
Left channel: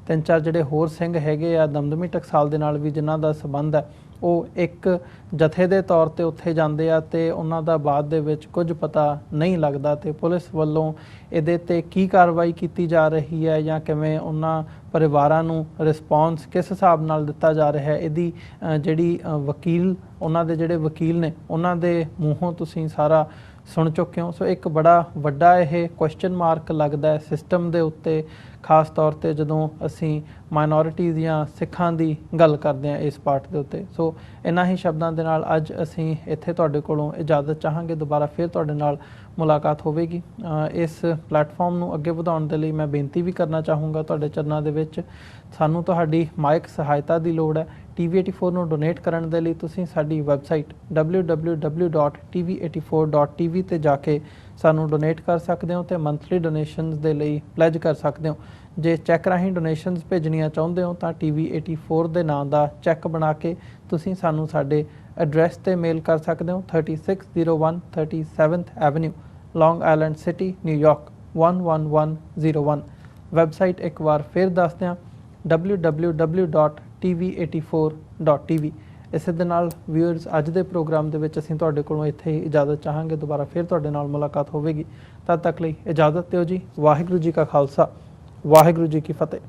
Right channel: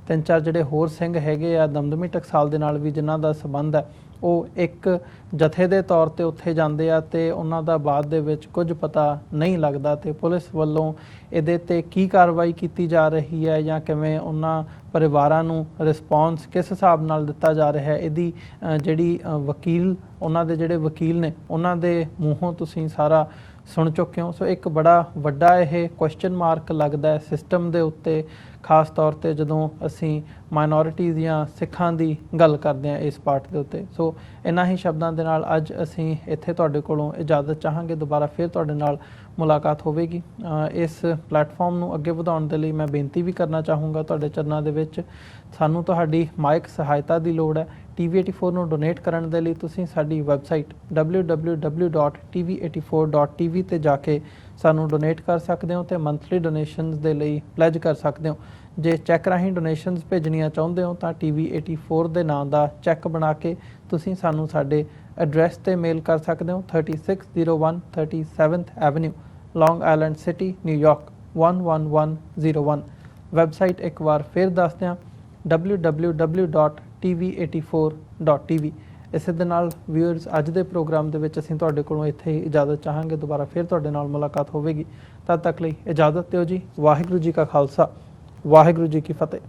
ਤਿੰਨ ਚਾਰ ਜਿਹੜੇ ਹੋਰ ਸਿੰਘ ਹੈਗੇ ਆ ਦਮਦਮੀ ਟਕਸਾਲ ਦੇ ਨਾਲ ਵੀ ਜਿਨ੍ਹਾਂ ਦਾ ਸੰਬੰਧ ਹੈ, ਉਹ ਇੱਕ ਜਥੇ ਦੇ ਤੌਰ ਤੇ ਉੱਥੇ ਜਾਂਦੇ ਆ ਤੇ ਉਹਨਾਂ ਦਾ ਬਾਅਦ ਦੇ ਵਿੱਚ ਕੁਝ ਪਤਾ ਨਹੀਂ ਲੱਗਦਾ ਤੇ ਪੁਲਿਸ ਵੱਲੋਂ ਇਹਦੇ ਤੇ ਕੀ ਕਾਰਵਾਈ ਕੀਤੀ ਜਾ ਰਹੀ ਹੈ ਜਾਂ ਕਿਵੇਂ ਉਹਨਾਂ ਪਰਿਵਾਰਾਂ ਨੂੰ ਰਿਸਪੌਂਸ ਕਿਸ ਹਿਸਾਬ ਨਾਲ ਦਿੱਤਾ ਜਾ ਰਿਹਾ ਹੈ, ਇਹਦੀ ਜਿਹੜੀ ਵਕੀਲ ਉਹਨਾਂ ਦੇ ਜਿਹੜੇ ਵਕੀਲ ਨੇ ਉਹਨਾਂ ਦੇ ਮੂੰਹੋਂ ਤੁਸੀਂ ਸਾਰਾ ਸੁਣ ਚੁੱਕੇ ਹੋ। ਸੋ ਇੱਕ ਬੜਾ ਵੱਡਾ ਇਹ ਕੁਐਸਚਨ ਮਾਰਕ ਲੱਗਦਾ ਹੈ ਸਿਸਟਮ ਦੇ ਉੱਤੇ, ਖਾਸ ਤੌਰ ਤੇ ਜਦੋਂ ਅਸੀਂ ਮਾਈਨੋਰਿਟੀਜ਼ ਜਾਂ ਸਿੱਖਾਂ ਦੀ ਗੱਲ ਕਰਦੇ ਹਾਂ ਇਸ ਪਾਰਟ ਦੇ ਉੱਤੇ। ਸੋ ਇਹਨਾਂ ਹੀ ਸ਼ਬਦਾਂ ਦੇ ਨਾਲ ਅੱਜ ਅਸੀਂ ਇੱਥੇ ਤੁਹਾਡੇ ਕੋਲੋਂ ਇਜਾਜ਼ਤ ਚਾਹਾਂਗੇ, ਦੁਬਾਰਾ ਫਿਰ ਤੁਹਾਡੇ ਨਾਲ ਮੁਲਾਕਾਤ ਹੋਵੇਗੀ। ਇਸ ਪਲੇਟਫਾਰਮ ਨੂੰ ਅੱਗੇ ਵਧਾਉਣ ਦੇ ਲਈ ਮੈਂ ਬੇਨਤੀ ਵੀ ਕਰਨਾ ਚਾਹੂੰਗਾ ਤੁਹਾਡੇ ਚਰਨਾਂ ਦੇ ਵਿੱਚ, ਸਾਨੂੰ ਤੁਹਾਡੀ ਮਾਇਕ ਸਹਾਇਤਾ ਦੀ ਲੋੜ ਹੈ। TV84 ਨੂੰ ਡੋਨੇਟ ਕਰਨ ਦੇ ਲਈ ਤੁਸੀਂ ਸਾਡੀ ਵੈਬਸਾਈਟ www.tv84.tv ਤੇ ਜਾ ਕੇ ਸਾਨੂੰ ਡੋਨੇਟ ਕਰ ਸਕਦੇ ਹੋ ਤੇ ਮੰਥਲੀ ਡੋਨੇਸ਼ਨਸ ਦੇ ਲਈ ਪਲੇਜ ਕਰ ਸਕਦੇ ਹੋ। ਜੇ ਚੈੱਕ ਰਾਹੀਂ ਡੋਨੇਸ਼ਨਸ ਭੇਜਣੀਆਂ ਚਾਹੁੰਦੇ ਹੋ ਤਾਂ TV84 ਦੇ ਨਾਂ ਦਾ ਚੈੱਕ ਬਣਾ ਕੇ ਤੁਸੀਂ ਸਾਨੂੰ ਸਾਡੇ ਐਡਰੈਸ ਤੇ ਮੇਲ ਕਰ ਸਕਦੇ ਹੋ, 3601 37th ਐਵਨਿਊ, ਲੌਂਗ ਆਈਲੈਂਡ ਸਿਟੀ, ਨਿਊਯਾਰਕ 11101। ਵੈਬਸਾਈਟ ਇੱਕ ਵਾਰ ਫਿਰ ਦੱਸਦੇ ਹਾਂ, www.tv84.tv। ਇਸੇ ਦੇ ਨਾਲ ਵਿਊਅਰਸ, ਅੱਜ ਦੇ ਪ੍ਰੋਗਰਾਮ ਦੇ ਵਿੱਚ ਅਸੀਂ ਤੁਹਾਡੇ ਕੋਲੋਂ ਇੱਥੇ ਹੀ ਇਜਾਜ਼ਤ ਚਾਹਾਂਗੇ, ਦੁਬਾਰਾ ਫਿਰ ਤੁਹਾਡੇ ਨਾਲ ਮੁਲਾਕਾਤ ਹੋਵੇਗੀ। ਤਦ ਤੱਕ ਲਈ ਇਜਾਜ਼ਤ ਦਿਓ ਜੀ। ਵਾਹਿਗੁਰੂ ਜੀ ਕਾ ਖਾਲਸਾ, ਵਾਹਿਗੁਰੂ ਜੀ ਕੀ ਫਤਿਹ।